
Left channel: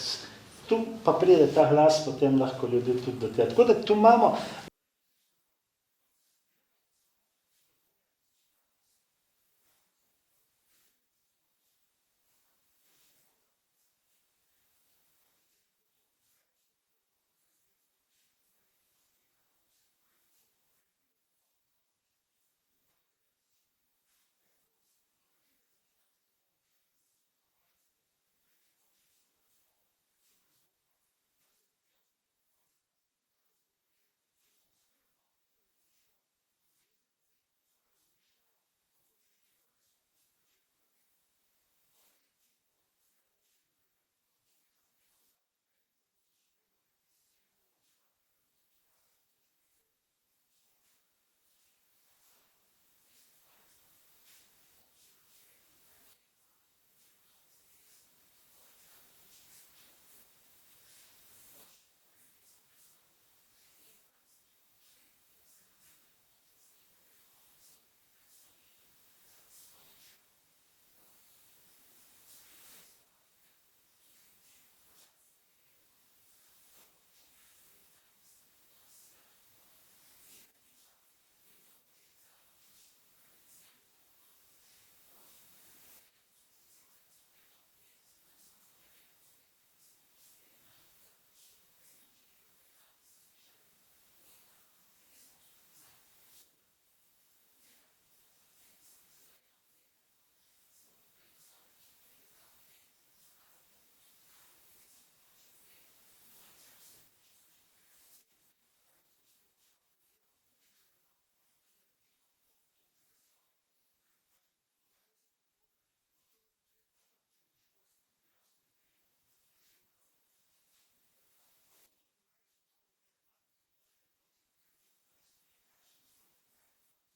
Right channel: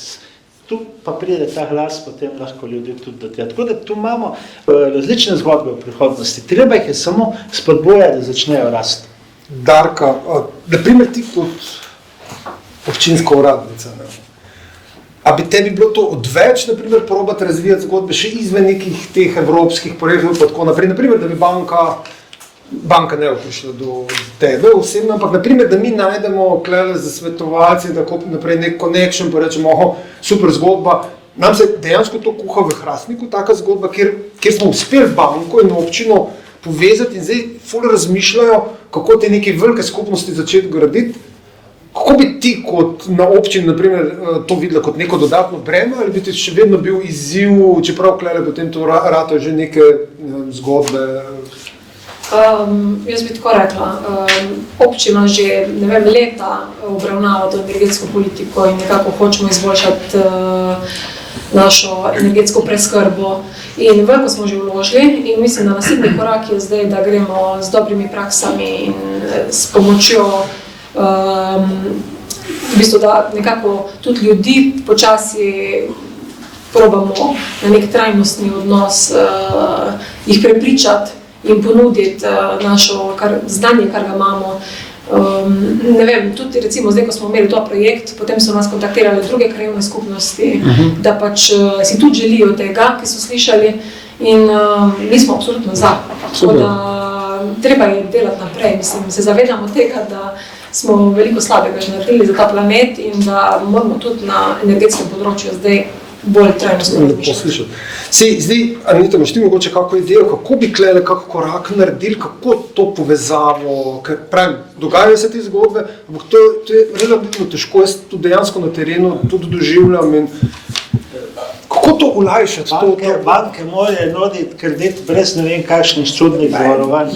tu pa pride ta glas, potem lahko ljudi tudi do tega. Tako da tu imamo različne zgodbe v prihodnosti. Treba jih je samo spodbujati, da začnejo rasti. Darka, naprimer ti kot občinska uradnica, ne? A bi tebi bilo to odveč, naprimer, probati razvijati zgodbe še izven nekih teh evropskih projektov, pa tako naprej, naprimer, da bi banka ne prišla do tebe osebno, ampak naprimer, da mi najdemo klele za svetovalce, da naprej nek connection, pa rečemo, super zgodba. Nam se dejansko to kuha v Hrastniku, taka zgodba, kjer smo uspeli banko in občino povezati in zdaj ful razmišljajo, kako te neke velike skupnosti začeti graditi. Kako bi ti kot na občini, naprimer, to videla kot neko dodatno breme, ali bi ti še vedno bil izziv, čeprav klele potem to ratajo že neke zgodbe? Jaz bi tako rekla, občina že leta obravnava to energetsko politiko in nekako hočemo izboljšati našo energetsko preskrbo. In veliko smo že vložili in mislim, da naslednji korak je zdaj, da gremo z dobrimi praksami in s pomočjo v bistvu, da nekako tudi ljudi počasi probamo na nek trajnostni odnos jih prepričati in ponuditi našo znanje, kar ga imamo. Ne vem, tudi recimo zdaj, ko smo imeli to projekt, potem so nas kontaktirali druge krajevne skupnosti, da pač si tudi želijo tega, ki so slišali in mi smo absolutno za. Tako da treba je delati naprej, mislim, se zavedamo tega, da smo veliko slabega že naredili za ta planet in da moramo tudi na energetskem področju zdaj bolj trajnostno razmišljati. Zdaj, Anita, imaš ti mogoče kako idejo, kako bi klele kak korak naredili, kako to povezavo, ker pravim, dogajajo se te zgodbe, ampak to je relativno težko, jaz to dejansko na terenu tudi doživljam in kako to olajšati? Banke morajo nuditi kredit brez ne vem kakšnih čudnih zavarovanj.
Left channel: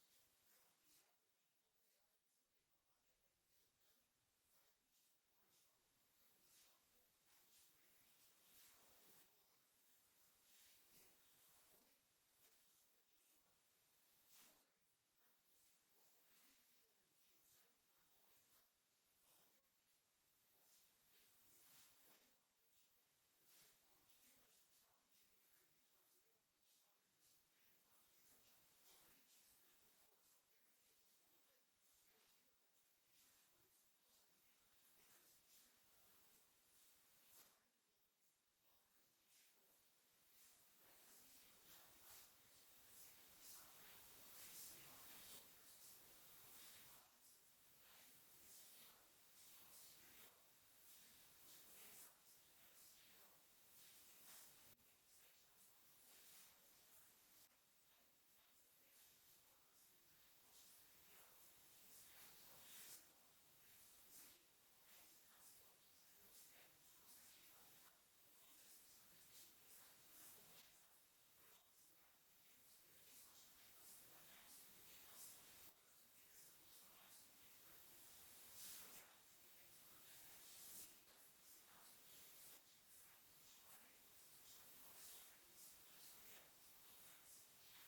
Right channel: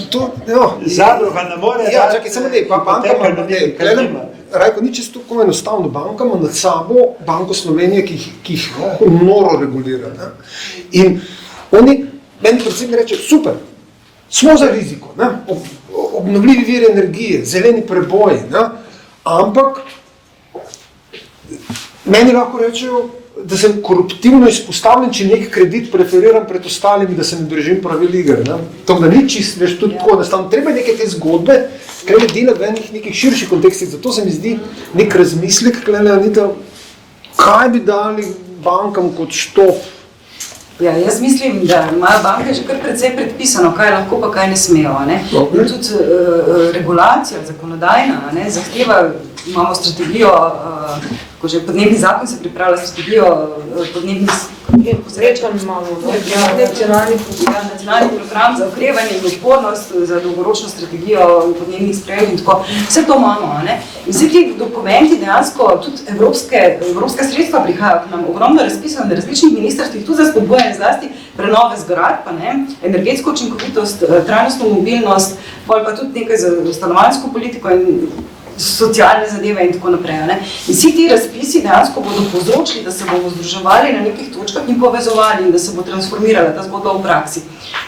Zadruga ne more čakaj, samo ne, banka ima, Rajko, ni čisto tako enostavno, banka ima nad sabo Banko Slovenije, ki jih noro regulira. Ne? In oni, meni predvsem reče, super, smo za riziko, ne? Obnovljivi viri energije, zeleni preboji, ne? Ampak meni lahko rečejo, da sem koruptivno izpostavljen, če nek kredit preferiram pred ostalimi, da se ne držim pravil igre. Tako da ni čist, veš, tudi tako, da treba neke te zgodbe, klele delati v nekih širših kontekstih. Zato se mi zdi nek razmislek, klele, Anita, kaj bi dali bankam kot štop Ja, jaz mislim, da imajo banke že kar precej predpisano, kaj lahko pa kaj ne smejo. Ne? In tudi regulacija zakonodajna, ne, zahteva, imamo strategijo, ko že podnebni zakon se pripravlja strategijo podnebnih nacionalni program za okrevanje in odpornost, za dolgoročno strategijo podnebnih sprememb in tako. Vse to imamo. Ne? In vsi ti dokumenti dejansko, tudi evropska sredstva prihajajo k nam, ogromno razpisano na različnih ministrstvih, tudi za spodbujanje zlasti prenove zgradb, energetsko učinkovitost, trajnostno mobilnost, pa tudi nekaj za stanovanjsko politiko in socialne zadeve in tako naprej. Ne? In vsi ti razpisi dejansko bodo povzročili, da se bomo združevali na nekih točkah in povezovali in da se bo transformirala ta zgodba v praksi.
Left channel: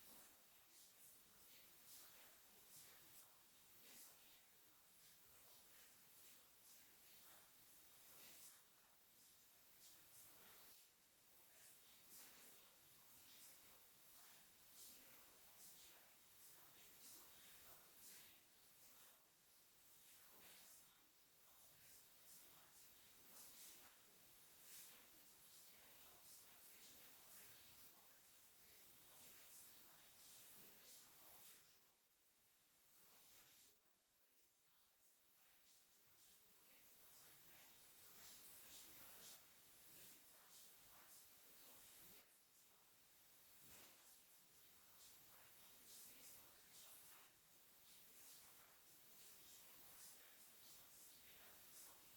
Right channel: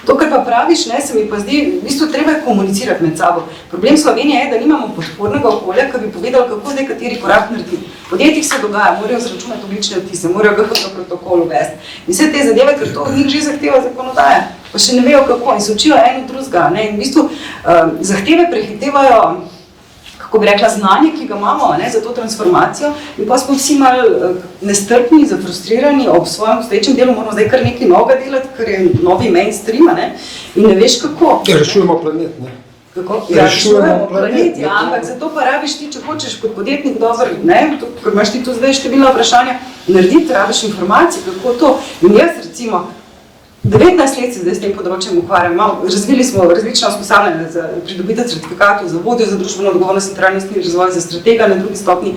To, kar pa praviš, ne, se mi pa zdi, v bistvu treba je komunicirati med sabo. Problem Slovenije je, da nimamo podpornega okolja, ki bi povedal, kako zdaj kateri korak narediti. V podjetjih se dogaja, morajo zračunati ogljične odtise, morajo GHG protokol uvesti. In vse te zadeve, ker to od njih že zahteva zakonodaja, pa še ne vejo kako in se učijo eno drugega. In v bistvu zahteve prehitevajo, kako bi rekla, znanje, ki ga imamo, ne, za to transformacijo, in pa smo vsi malo nestrpni, zafrustrirani ob svojem obstoječem delu, moramo zdaj kar nekaj novega delati, ker je novi mainstream, ne, in ne veš kako. Ja, rešujemo planet, ne? Kako? Ja, rešujemo planet, ja, ampak zato pa rabiš ti, če hočeš kot podjetnik dober, ne, ker imaš ti tu zdaj številna vprašanja, narediti, rabiš informacije, kako to. In jaz recimo, 19 let se zdaj s tem področjem ukvarjam. Razvili smo različna usposabljanja za pridobitev certifikatov, za vodjo za družbeno odgovornost in trajnostni razvoj, za stratega na drugi stopnji.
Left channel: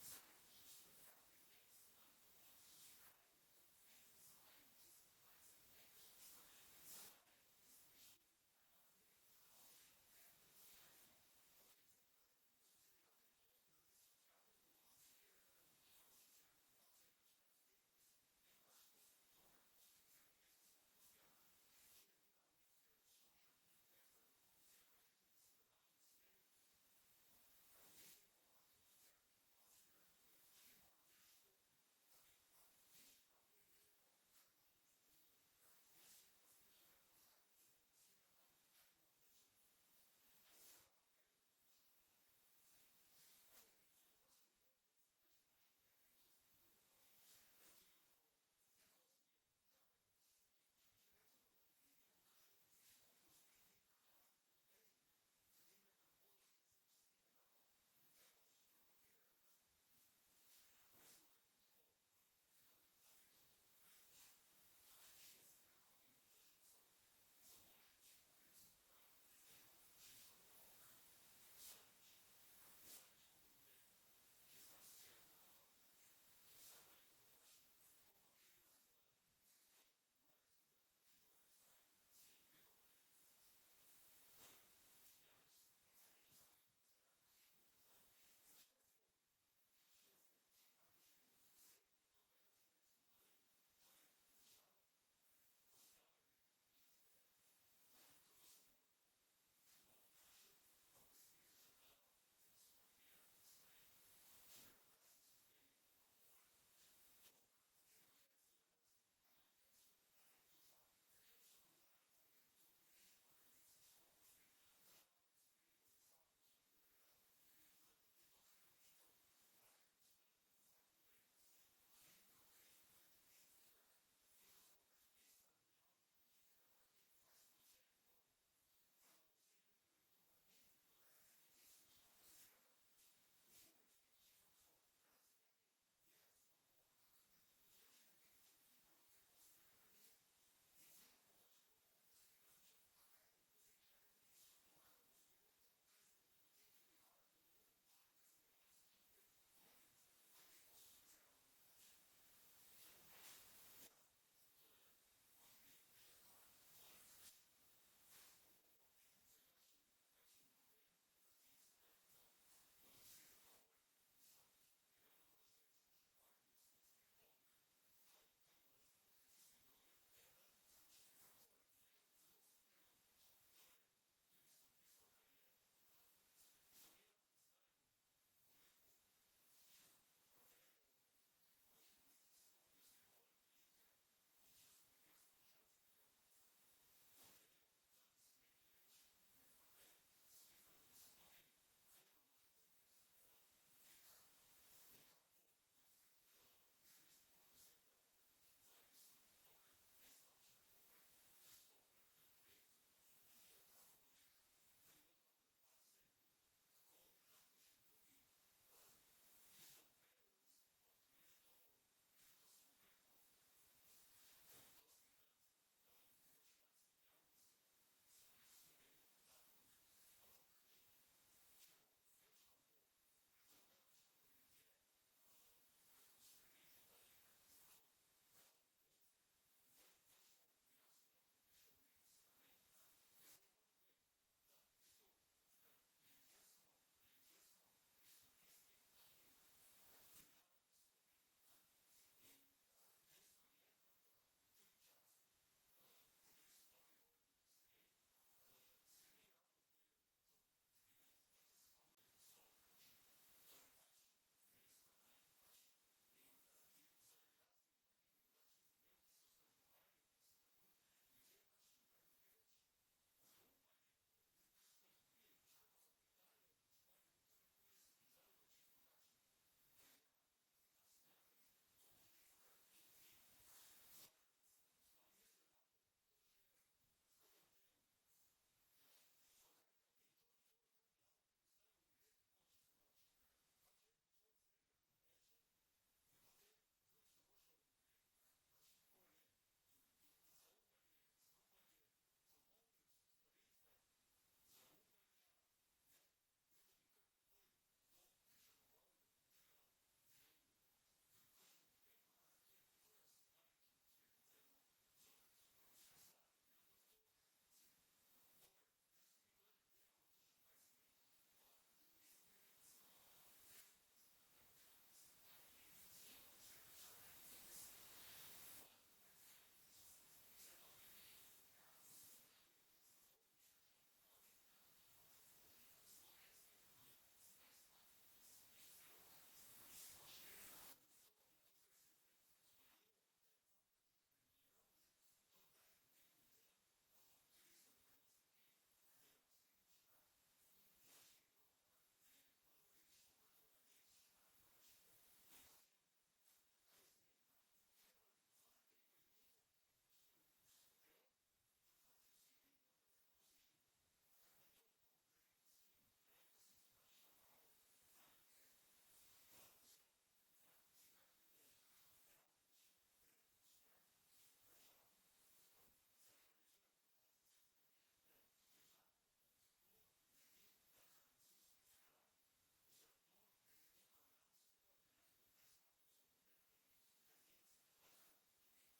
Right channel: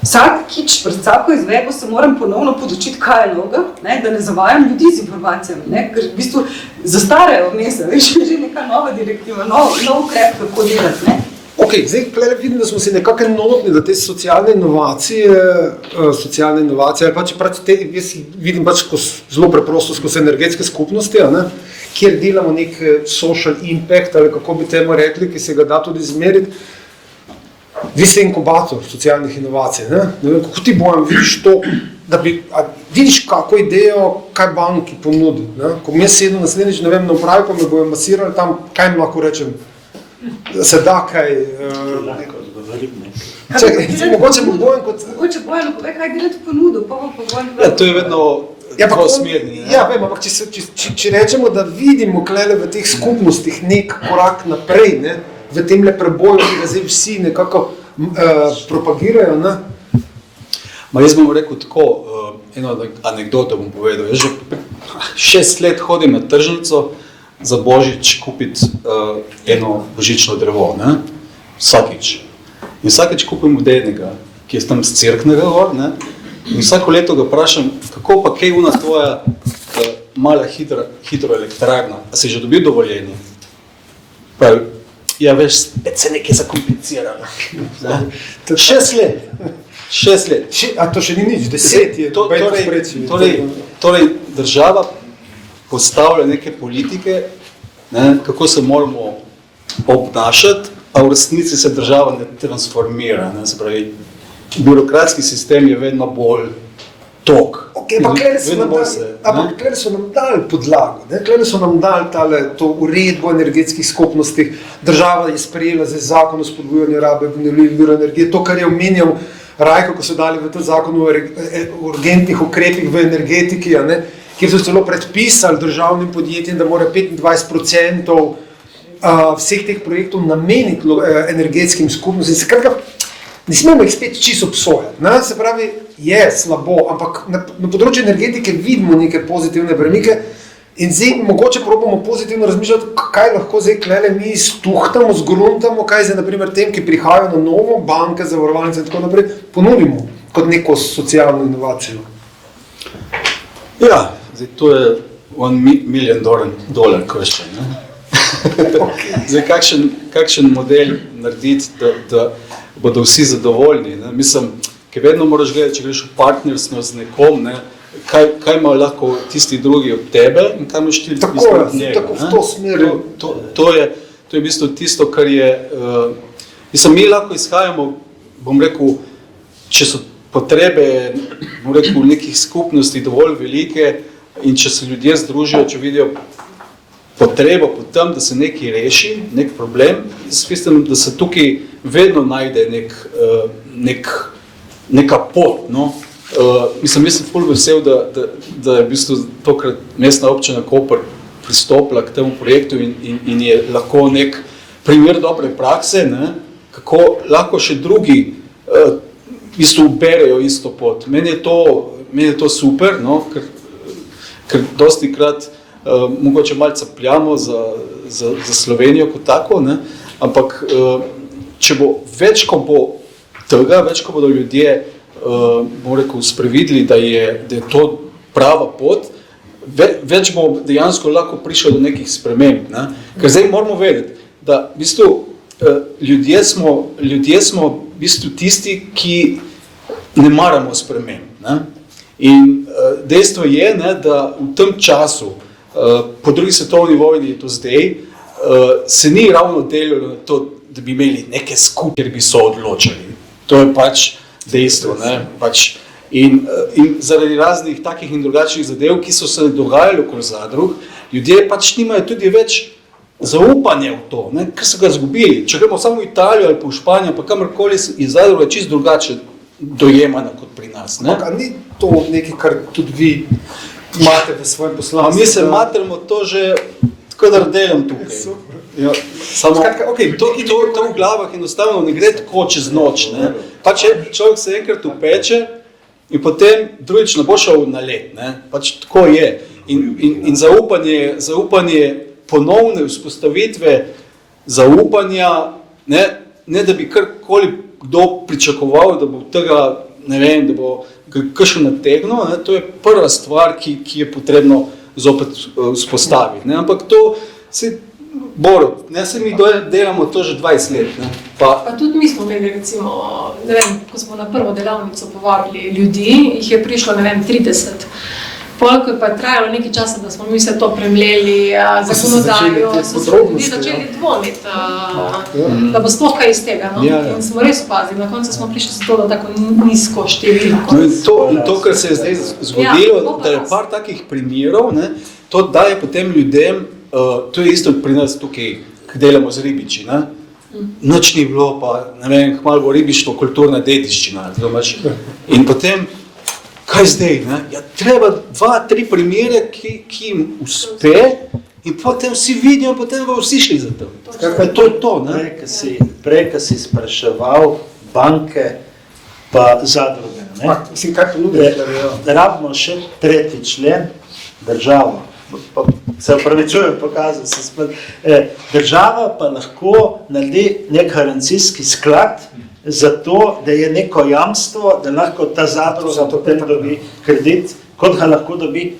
Vsakič pred vsako izvedbo se moram ponovno podučiti, kaj je novega, ne, da ne zavajam ljudi z informacijami, ne, ker v bistvu zastarajo vmes, veš, že neka nova direktiva, nov ukrep, kako delati. Ne. Ok, zdaj vidim, da smo se nekako enotni, da te socialne inovacije, ali pa čeprav jaz vidim pač zelo preprosto skozi energetske skupnosti, ne, kjer delamo nek social impact, ali kako bi temu rekli, ki se ga da tudi izmeriti. Vi ste inkubator socialnih inovacij, ne? Ne vem, kako ti Bojan vidiš to, da vidiš kako idejo, kaj banki ponudi, ne? Ko mi sedem naslednjič, ne vem, na upravi, pa me bojo masirali tam, kaj mi lahko rečem, da se da kaj... Mogoče bo Bojan kot... Mogoče Bojan, povej, kaj delati ponudu, pa Bojan... Ja, to je vedno dvosmerni. Ja, vem, ampak če rečemo, da vidimo klele v teh skupnostih nek korak naprej, ne? V temle preboju, ki ga zdaj vsi nekako propagirajo, ne? Jaz bom rekel tako, eno anekdoto bom povedal. Jaz že 6 let hodim na tržnico za Božič kupiti eno božično drevo, ne? Vsakič. In vsakič kupim od enega, ki je tam z Cerknega gor, ne? In vsako leto ga vprašam, kako pa kaj una tvoja mala hidroelektrarna, a si že dobil dovoljenje? Pravi, ja, veš, spet se nekaj zakompliciralo. 6 let. 6 let. A to še ni nič, 10 je. Torej, država postavlja neke politike, ne, kako se moramo obnašati, a v resnici se država ne transformira. Ne, se pravi, birokratski sistem je vedno bolj tok. Ampak klede so nam dali podlago, klede so nam dali to uredbo energetskih skupnostih, država je sprejela zdaj zakon o spodbujanju rabe obnovljivih virov energije, to, kar je omenjal Rajko, ko so dali v ta zakon o urgentnih ukrepih v energetiki, kjer so celo predpisali državnim podjetjem, da mora 25% vseh teh projektov nameniti energetskim skupnostim. Skratka, ne smemo jih spet čisto obsojati. Se pravi, je slabo, ampak na področju energetike vidimo neke pozitivne premike in zdaj mogoče probamo pozitivno razmišljati, kaj lahko zdaj klele mi stuhtamo, zgruntamo, kaj zdaj naprimer tem, ki prihajajo na novo, banke, zavarovalnice in tako naprej, ponudimo kot neko socialno inovacijo. Ja, zdaj to je $1 million question, ne? Zdaj, kakšen model narediti, da bodo vsi zadovoljni, ne? Mislim, ki vedno moraš gledati, če greš v partnerstvo z nekom, ne? Kaj ima lahko tisti drugi od tebe in kaj imaš ti od njega. Tako v to smer. To je v bistvu tisto, kar je... Mislim, mi lahko izhajamo, bom rekel, če so potrebe, bom rekel, nekih skupnosti dovolj velike in če se ljudje združijo, če vidijo potrebo po tem, da se nekaj reši, nek problem, jaz mislim, da se tukaj vedno najde neka pot, no? Mislim, jaz sem ful vesel, da je v bistvu tokrat mestna občina Koper pristopila k temu projektu in je lahko nek primer dobre prakse, ne, kako lahko še drugi v bistvu berejo isto pot. Meni je to super, no, ker dostikrat mogoče malce pljamo za Slovenijo kot tako, ne, ampak če bo več, ko bo tega, več, ko bodo ljudje bom rekel, sprevideli, da je to prava pot, več bo dejansko lahko prišlo do nekih sprememb. Ne? Ker zdaj moramo vedeti, da v bistvu, ljudje smo v bistvu tisti, ki ne maramo sprememb. Ne? In dejstvo je, ne, da v tem času, po drugi svetovni vojni je to zdaj, se ni ravno delalo na to, da bi imeli neke skupine, kjer bi so odločali. To je pač dejstvo. Ne? Pač, in zaradi raznih takih in drugačnih zadev, ki so se dogajali okoli zadrug, ljudje pač nimajo tudi več zaupanja v to, ne? Ker so ga izgubili. Če gremo samo v Italijo ali pa v Španijo, pa kamorkoli iz zadruga čisto drugače dojemana kot pri nas. Ne? Ampak ni to nekaj, kar tudi vi imate v svojem poslanstvu? Mi se matramo to že tako, da delam tukaj. Ja, samo, okay, to v glavah enostavno ne gre tako čez noč. Ne? Pač človek se enkrat upeče in potem drugič ne bo šel na let. Ne? Pač tako je. In zaupanje ponovne vzpostavitve zaupanja, ne da bi karkoli kdo pričakoval, da bo tega, ne vem, da bo kakšen nategnil, ne? To je prva stvar, ki je potrebno zopet vzpostaviti. Ne? Ampak to se Borut, ne, se mi delamo to že 20 let. Ne? Pa tudi mi smo imeli, recimo, ne vem, ko smo na prvo delavnico povabili ljudi, jih je prišlo, ne vem, 30. Polko je pa trajalo nekaj časa, da smo mi se to premleli, zakonodajo, so se ljudi začeli dvomiti, da bo sploh kaj iz tega. No? Ja. In smo res opazili, na koncu smo prišli za to, da tako nizko številko. In to, kar se je zdaj zgodilo, da je par takih primerov, ne, to daje potem ljudem, to je isto pri nas tukaj, ki delamo z ribiči. Ne? Nič ni bilo, pa ne vem, malo bo ribištvo kulturna dediščina. In potem, kaj zdaj? Ne? Ja, treba 2-3 primere, ki jim uspe in potem vsi vidijo, potem bodo vsi šli za to. To je to. Prej, ko si spraševal banke pa zadruge. Mislim, kaj ponudite? Rabimo še 3. člen, državo. Se upravičujem, pokazal sem spet. Država pa lahko naredi nek garancijski sklad za to, da je neko jamstvo, da lahko ta zadruga potem dobi kredit, kot ga lahko dobi,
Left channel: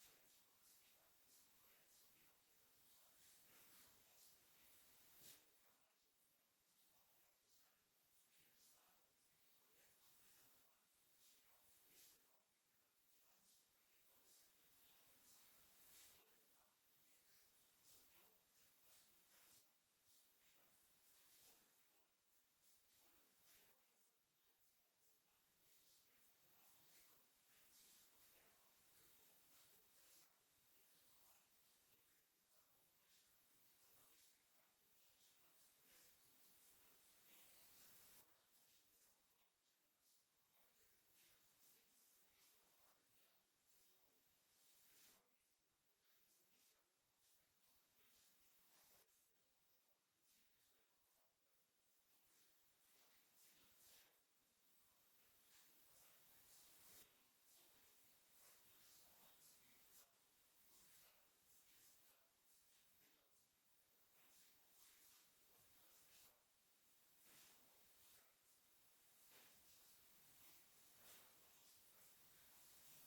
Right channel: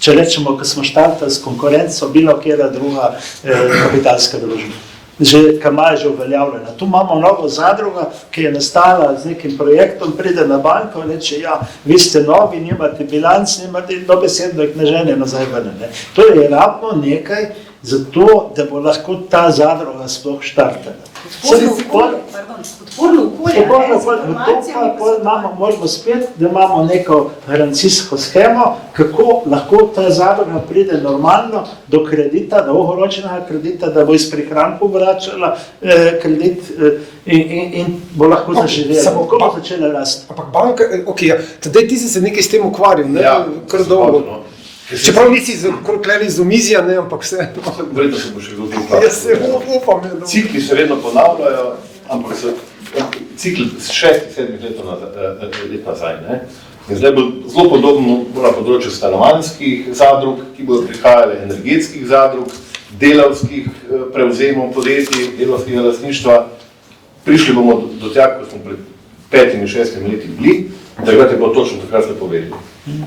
če rečemo, ko smo štartali s konkurenco, bilo kjera druga kapitalska družba. Že ima je že uveljavljena. Tu imamo novo zadruga, ki je nastala z nekim projektom, pride na banko in reče, ja, vi ste novi, nimate bilanc, nimate dobesedno jih ne žene nazaj ven. To je ravno nekaj za to, da bo lahko ta zadruga sploh štartala. Podporno okolje. Možemo spet, da imamo neko garancijsko schemo, kako lahko ta zadruga pride normalno do kredita, dolgoročnega kredita, da bo iz prihrankov vračala kredit in bo lahko zaživela. Kako bo začela rasti? Ampak banka, tedaj ti si se nekaj s tem ukvarjal, ne? Kar dolgo. Čeprav nisi kleli z omizja, ne, ampak vse. Verjetno se bo še kdo ukvarjal. Jaz se upam. Cikli se vedno ponavljajo, ampak so cikli 6-7 let nazaj. Ne? In zdaj bo zelo podobno na področju stanovanjskih zadrug, ki bodo prihajale energetskih zadrug, delavskih prevzemov podjetij, delavskega lastništva. Prišli bomo do tega, ko smo pred 5-6 leti bili, takrat je bilo točno takrat ste povedali.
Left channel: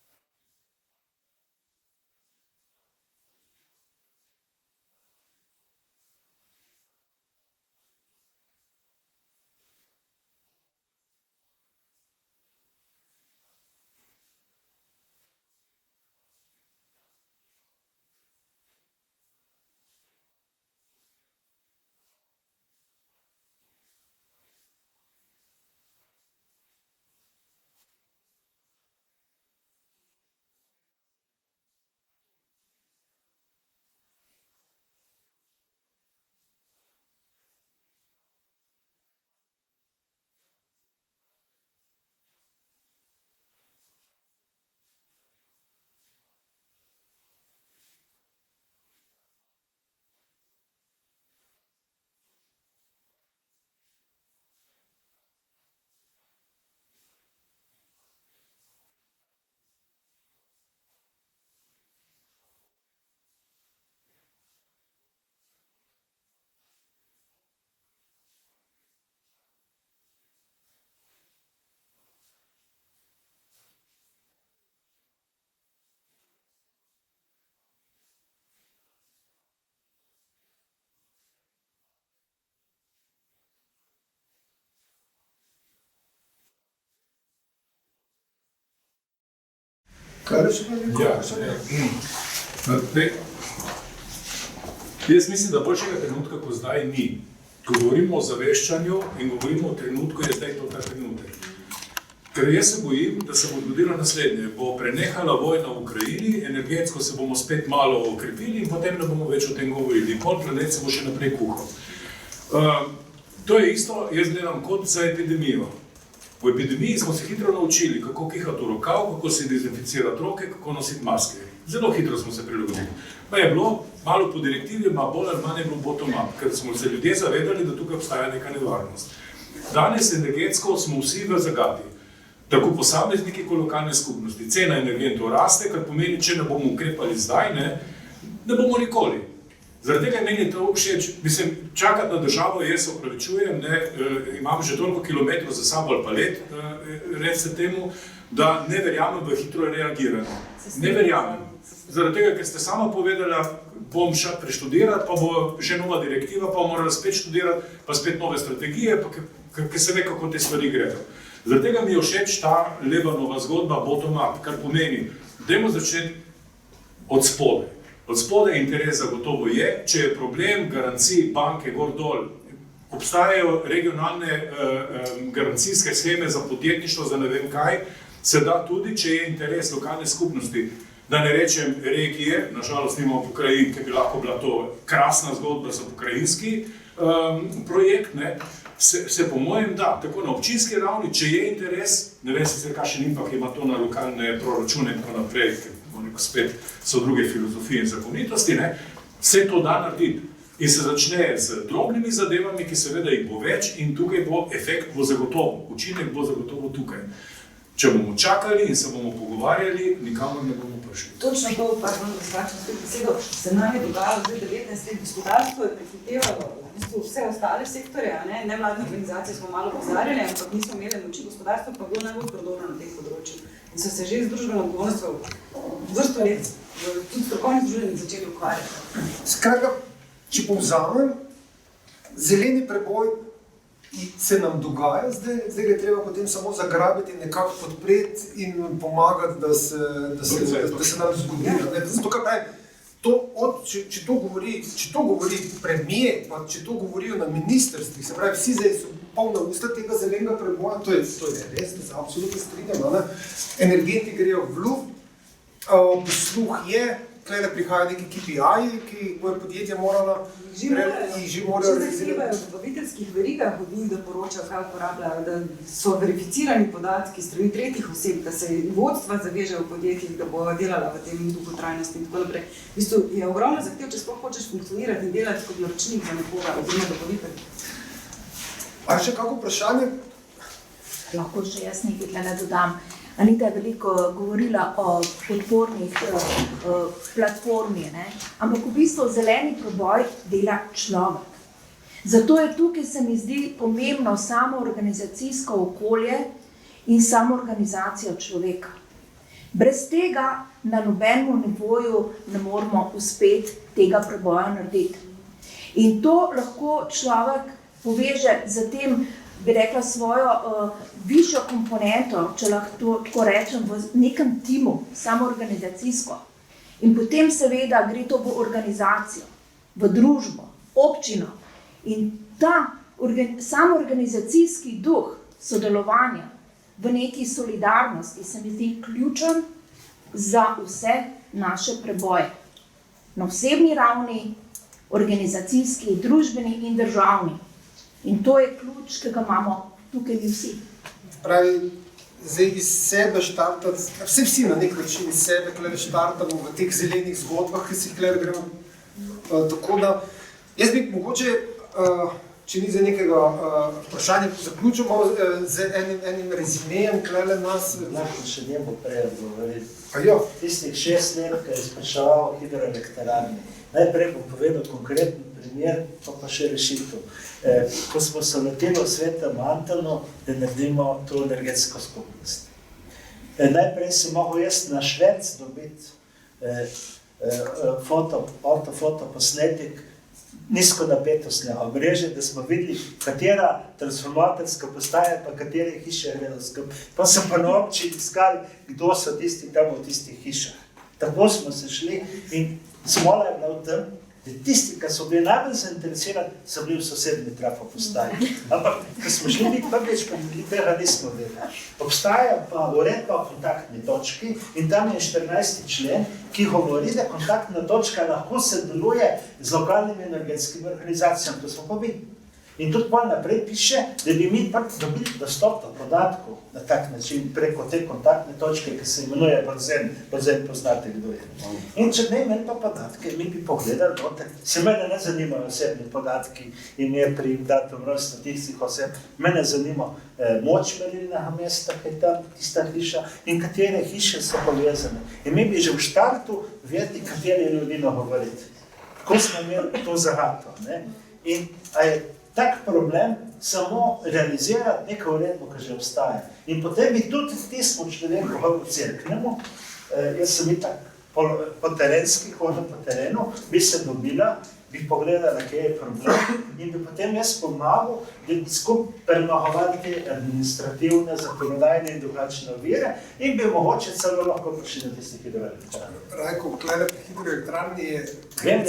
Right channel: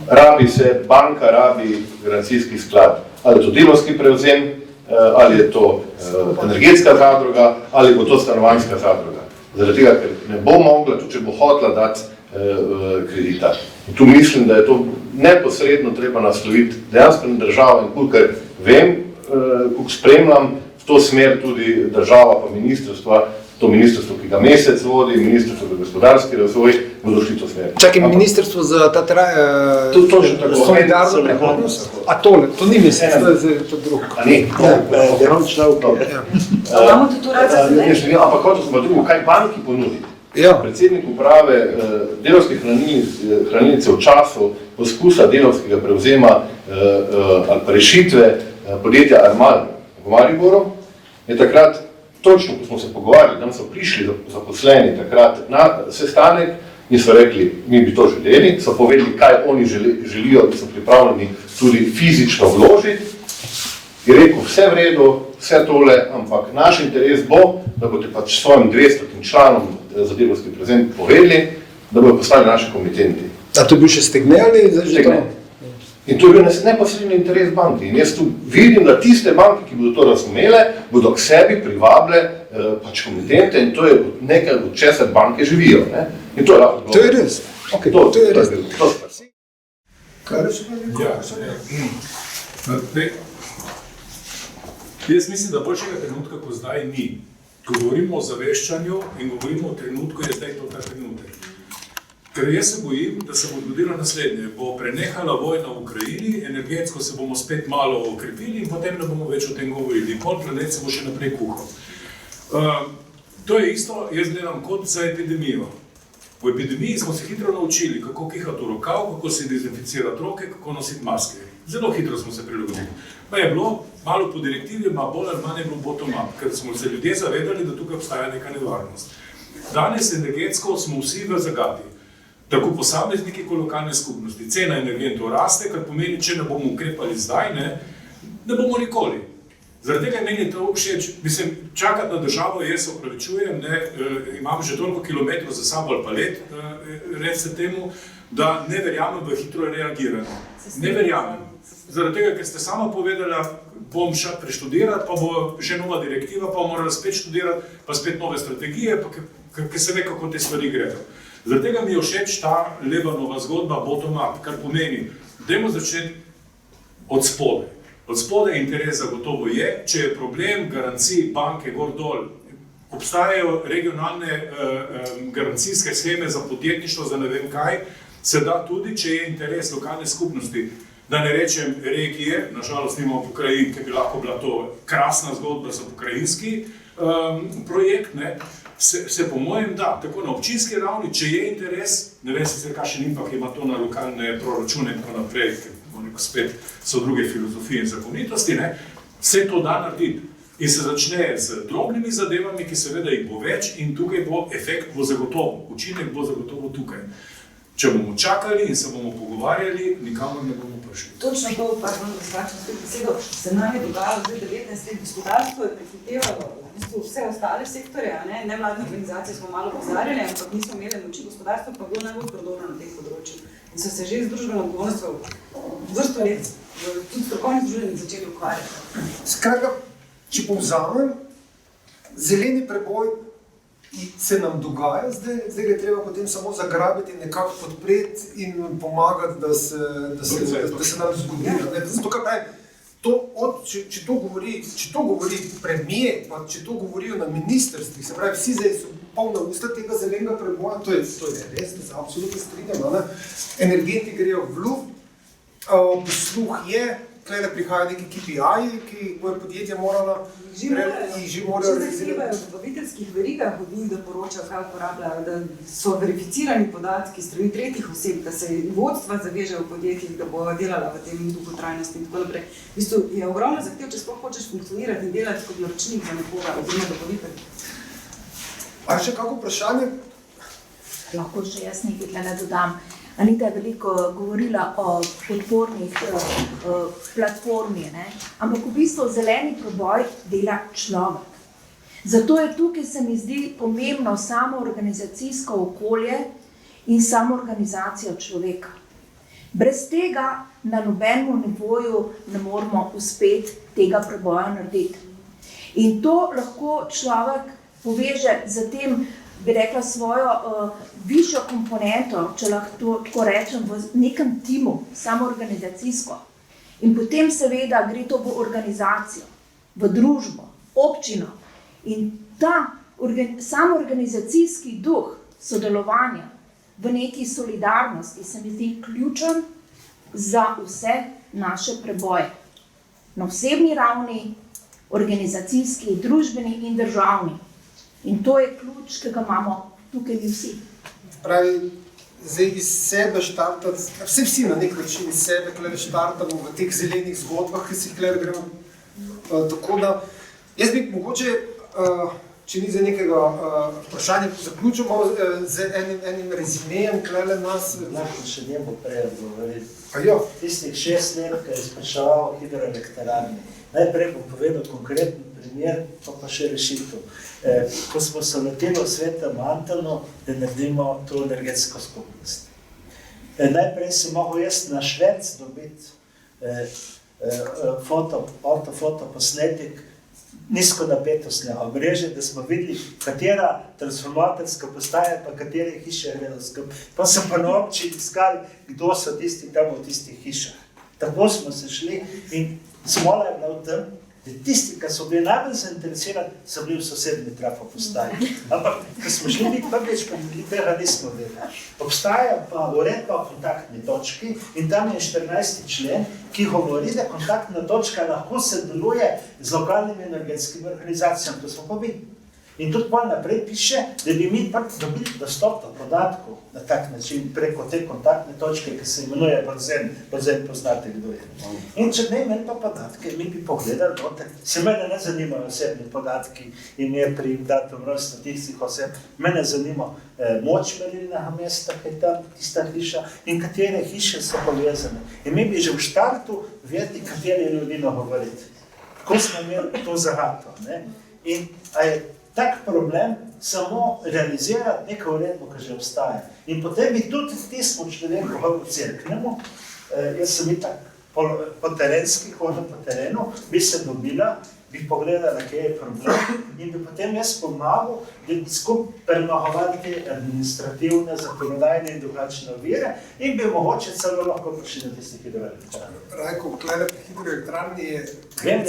Rabi se, banka rabi garancijski sklad. Ali je to delavski prevzem, ali je to energetska zadruga, ali bo to stanovanjska zadruga. Zaradi tega, ker ne bo mogla, tudi če bo hotela dati kredita. In tu mislim, da je to neposredno treba nasloviti dejansko na državo in kolikor vem, koliko spremljam v to smer tudi država pa ministrstva, to ministrstvo, ki ga Mesec vodi, ministrstvo za gospodarski razvoj, bodo šli to smer. Čakaj, ministrstvo za ta solidarno prihodnost? A tole, to ni Mesec, to je to drugo. A ni? Imamo tudi to rad za zdaj? Ampak hočem smo drugo, kaj banki ponudi? Ja. Predsednik uprave Delavske hranilnice v času poskusa delavskega prevzema ali pa rešitve podjetja Armal v Mariboru, je takrat, točno ko smo se pogovarjali, tam so prišli zaposleni takrat na sestanek in so rekli, mi bi to želeli, so povedali, kaj oni želijo, da so pripravljeni tudi fizično vložiti. Je rekel, vse v redu, vse tole, ampak naš interes bo, da boste pač svojim 200 članom za delavski prevzem povedali, da bodo postali naši komitenti. A to je bil še Stegne ali zdaj že to? In to je bil neposredni interes banke. In jaz tu vidim, da tiste banke, ki bodo to razumele, bodo k sebi privabile pač komitente in to je nekaj, od česar banke živijo. Ne? In to je lahko. To je res. Okay, to je res. Kaj je še Jaz mislim, da boljšega trenutka, ko zdaj ni. Ko govorimo o zaveščanju in govorimo o trenutku, je zdaj to ta trenutek. Ker jaz se bojim, da se bo zgodilo naslednje. Bo prenehala vojna v Ukrajini, energetsko se bomo spet malo okrepili in potem ne bomo več o tem govorili. Pol planet se bo še naprej kuhal. To je isto, jaz gledam kot za epidemijo. V epidemiji smo se hitro naučili, kako kihati v rokav, kako se dezinficirati roke, kako nositi maske. Zelo hitro smo se prilagodili. Pa je bilo malo po direktivi, bolj ali manj je bilo bottom-up, ker smo se ljudje zavedali, da tukaj obstaja neka nevarnost. Danes energetsko smo vsi v zagati. Tako posamezniki kot lokalne skupnosti. Cena energentov raste, kar pomeni, če ne bomo ukrepali zdaj, ne bomo nikoli. Zaradi tega meni to všeč, mislim, čakati na državo, jaz se opravičujem, imam že toliko kilometrov za sabo ali pa let, recite temu, da ne verjamem v hitro reagiranje. Ne verjamem. Zaradi tega, ker ste sama povedala, bom šel preštudirati, pa bo že nova direktiva, pa bom morala spet študirati, pa spet nove strategije, pa ker se ve, kako te stvari gredo. Zaradi tega mi je všeč ta Lebanova zgodba bottom-up, kar pomeni, dajmo začeti od spodaj. Od spodaj interes zagotovo je, če je problem garancij banke gor-dol, obstajajo regionalne garancijske sheme za podjetništvo, za ne vem kaj, se da tudi, če je interes lokalne skupnosti, da ne rečem regije, nažalost nimamo pokrajin, ki bi lahko bila to krasna zgodba za pokrajinski projekt, se po mojem da, tako na občinski ravni, če je interes, ne vem sicer kakšen impact ima to na lokalne proračune in tako naprej, spet so druge filozofije in zakonitosti, vse to da narediti. In se začne z drobnimi zadevami, ki seveda jih bo več in tukaj bo efekt bo zagotovo, učinek bo zagotovo tukaj. Če bomo čakali in se bomo pogovarjali, nikamor ne bomo prišli. Točno to, pardon, da skračim spet besedo, se nam je dogajalo zdaj 19 let, gospodarstvo je prehitevalo vse ostale sektorje, nevladne organizacije smo malo pozarjali, ampak nismo imeli moči, gospodarstvo pa bilo najbolj prodorno na teh področjih. In so se že z družbeno odgovornostjo vrsto let, tudi strokovnih združenj začeli ukvarjati. Skratka, če povzamem, zeleni preboj se nam dogaja, zdaj je treba potem samo zagrabiti, nekako podpreti in pomagati, da se nam zgodi. Zato, kaj če to govori premier, pa če to govorijo na ministrstvih, se pravi, vsi zdaj so polna usta tega zelenega preboja, to je res, da se absolutno strinjam, energenti grejo v luft, posluh je, tukaj prihajajo neki KPI-ji, ki bojo podjetja morala Že zahtevajo v dobaviteljskih verigah od njih, da poročajo, kaj uporabljajo, da so verificirani podatki strani tretjih oseb, da se vodstva zavežejo v podjetjih, da bojo delala v tem duhu trajnosti in tako naprej. V bistvu je ogromno zahtev, če sploh hočeš funkcionirati in delati kot naročnik za nekoga, oziroma dobavitelj. A še kako vprašanje? Lahko še jaz nekaj tle dodam. Anita je veliko govorila o podpornih platformi, ampak v bistvu zeleni preboj dela človek. Zato je tukaj, se mi zdi, pomembno samoorganizacijsko okolje in samoorganizacija človeka. Brez tega na nobenem nivoju ne moremo uspeti tega preboja narediti. In to lahko človek poveže z tem, bi rekla, svojo višjo komponento, če lahko tako rečem, v nekem timu, samoorganizacijsko. In potem seveda gre to v organizacijo, v družbo, občino. In ta samoorganizacijski duh sodelovanja v neki solidarnosti se mi zdi ključen za vse naše preboje. Na osebni ravni, organizacijski, družbeni in državni. In to je ključ, ki ga imamo tukaj mi vsi. Pravi, zdaj iz sebe štartati, vsi na nek način iz sebe štartamo v teh zelenih zgodbah, ki si jih gremo. Tako da, jaz bi mogoče, če ni za nekega vprašanja, zaključil malo z enim rezimejem, nas. Lahko še njemu prej odgovoriti. Ja. Tistih 6 let, ki je spraševal o hidroelektrarni. Najprej bom povedal konkreten primer, pa še rešitev. Ko smo se lotili v Svetem Antonu, da naredimo to energetsko skupnost. Najprej si mogel jaz na Švec dobiti ortofotoposnetik nizkonapetostnega omrežja, da smo videli, katera transformatorska postaja pa katere hiše je gledal skupaj. Pa sem pa na občini iskali, kdo so tisti tam v tistih hišah. Tako smo se šli in smola je bila v tem, da tisti, ki so bili najbolj zainteresirani, so bili v sosednji trafopostaji. Ampak, ko smo šli biti prvič, pa tega nismo vedeli. Obstaja pa uredba o kontaktni točki in tam je 14. člen, ki govori, da kontaktna točka lahko sodeluje z lokalnimi energetskimi organizacijami, to smo pa videli. In tudi pa naprej piše, da bi mi dobili dostop do podatkov na tak način preko te kontaktne točke, ki se imenuje Borzen. Borzen poznate, kdo je. In če ne imeli pa podatke, mi bi pogledali noter. Se mene ne zanimajo osebni podatki, ime, priim, datum, rojstva tistih oseb. Mene zanima moč merilnega mesta, ki je tam tista hiša in katere hiše so povezane. In mi bi že v štartu vedeli, kateri ljudi nagovoriti. Ko smo imeli to zagato. In a je tak problem samo realizirati neko uredbo, ki že obstaja. In potem bi tudi tismo človeku v cerknemu, jaz sem itak po terenski, hodil po terenu, bi se dobila, bi pogledala, kje je problem in bi potem jaz pomagal, da bi skupaj premagovali te administrativne, zakonodajne in drugačne ovire in bi mogoče celo lahko prišli na tistih hidroelektrarnih. Rajko, glede pri hidroelektrarni je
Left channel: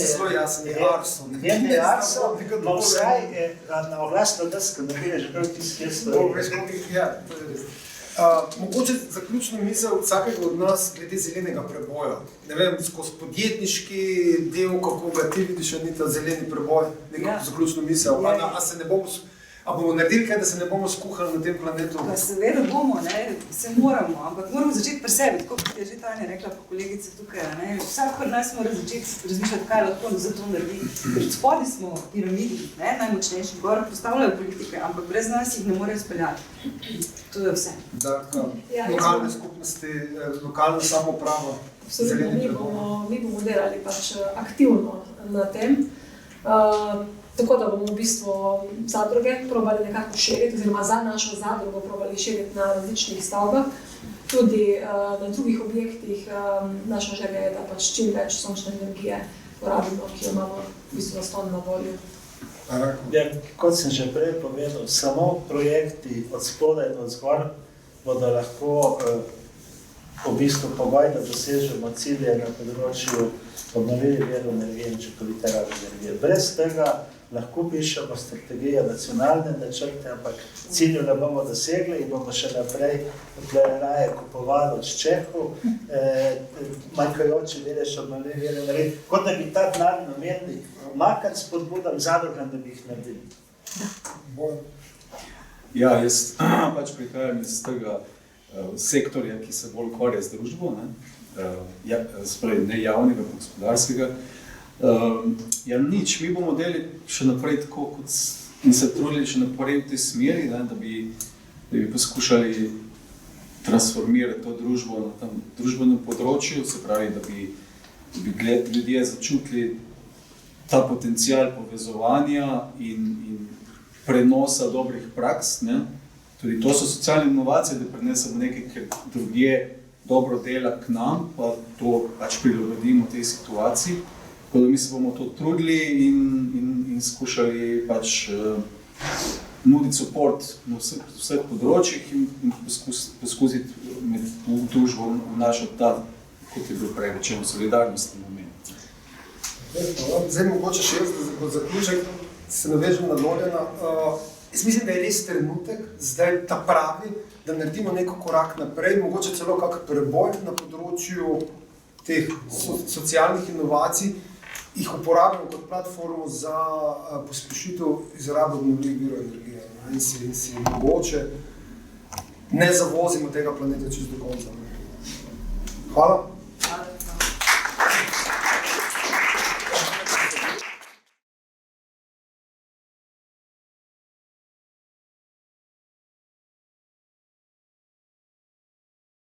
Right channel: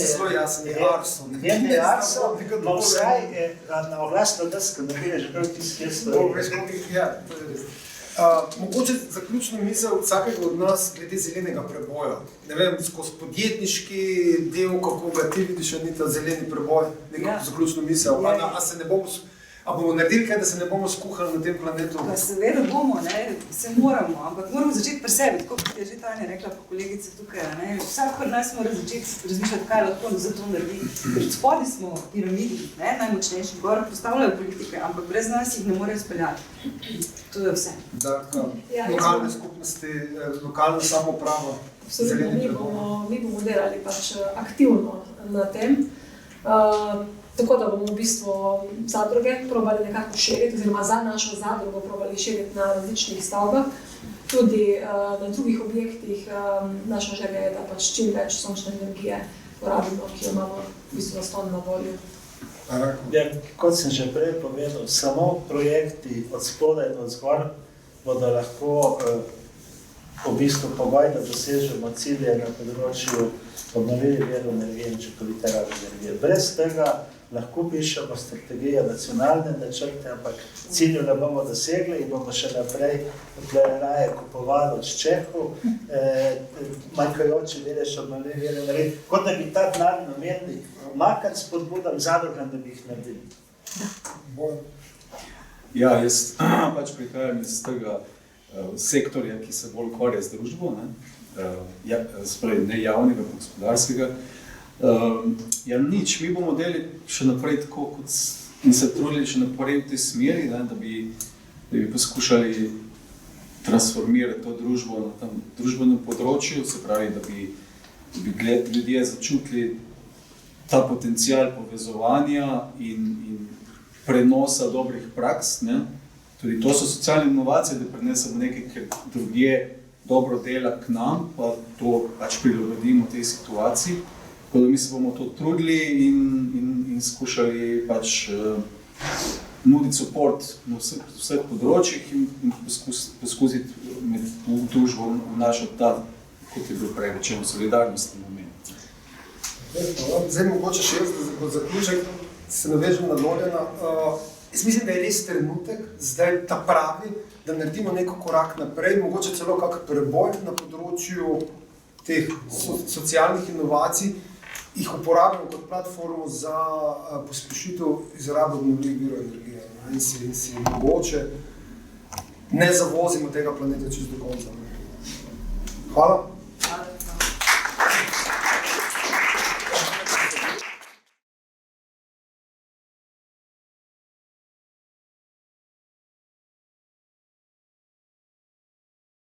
zelo jasen, je Arso. Vem, da je Arso, no vsaj na oglasno desko nabije že prav tisti, mogoče zaključno misel vsakega od nas glede zelenega preboja. Ne vem, skozi podjetniški del, kako ga ti vidiš, ni ta zeleni preboj, nekako zaključno misel. A bomo naredili kaj, da se ne bomo skuhali na tem planetu? Pa seveda bomo, se moramo, ampak moramo začeti pri sebi, tako kot je že Tanja rekla pa kolegica tukaj. Vsak od nas mora začeti razmišljati, kaj lahko za to naredi. Ker spodaj smo piramidi, najmočnejši, gor postavljajo politike, ampak brez nas jih ne morejo speljati. To je vse. Lokalne skupnosti, lokalna samouprava, zeleni preboj. Mi bomo delali pač aktivno na tem. Tako da bomo v bistvu zadruge probali nekako širiti, oziroma za našo zadrugo probali širiti na različnih stavbah. Tudi na drugih objektih naša želja je, da pač čim več sončne energije porabimo, ki jo imamo v bistvu zastonj na voljo. Ja, kot sem že prej povedal, samo projekti od spodaj do zgor bodo lahko v bistvu pogoj, da dosežemo cilje na področju obnovljivih virov energije in učinkovite rabe energije. Brez tega lahko pišemo strategije, nacionalne načrte, ampak cilju ne bomo dosegli in bomo še naprej raje kupovali od Čehov, manjkajoči delež obnovljivih virov energije, kot da bi ta denar namenili makati spodbudam zadrugam, da bi jih naredili. Ja, jaz pač prihajam iz tega sektorja, ki se bolj ukvarja z družbo, ne javnega, gospodarskega. Ja, nič, mi bomo delali še naprej tako, in se trudili še naprej v tej smeri, da bi poskušali transformirati to družbo na tem družbenem področju, se pravi, da bi ljudje začutili ta potencial povezovanja in prenosa dobrih praks. Tudi to so socialne inovacije, da prenesemo nekaj, ker drugje dobro dela k nam, pa to pač prilagodimo tej situaciji. Tako da mi se bomo to trudili in skušali pač nuditi support na vseh področjih in poskusiti v družbo vnašati ta, kot je bil prej rečeno, solidarnostni moment. Zdaj mogoče še jaz, da kot zaključek se navežem na Lorjana. Jaz mislim, da je res trenutek, zdaj ta pravi, da naredimo neko korak naprej, mogoče celo kak preboj na področju teh socialnih inovacij, jih uporabimo kot platformo za pospešitev izrabe obnovljivih virov energije. in si mogoče ne zavozimo tega planeta čez do konca. Hvala.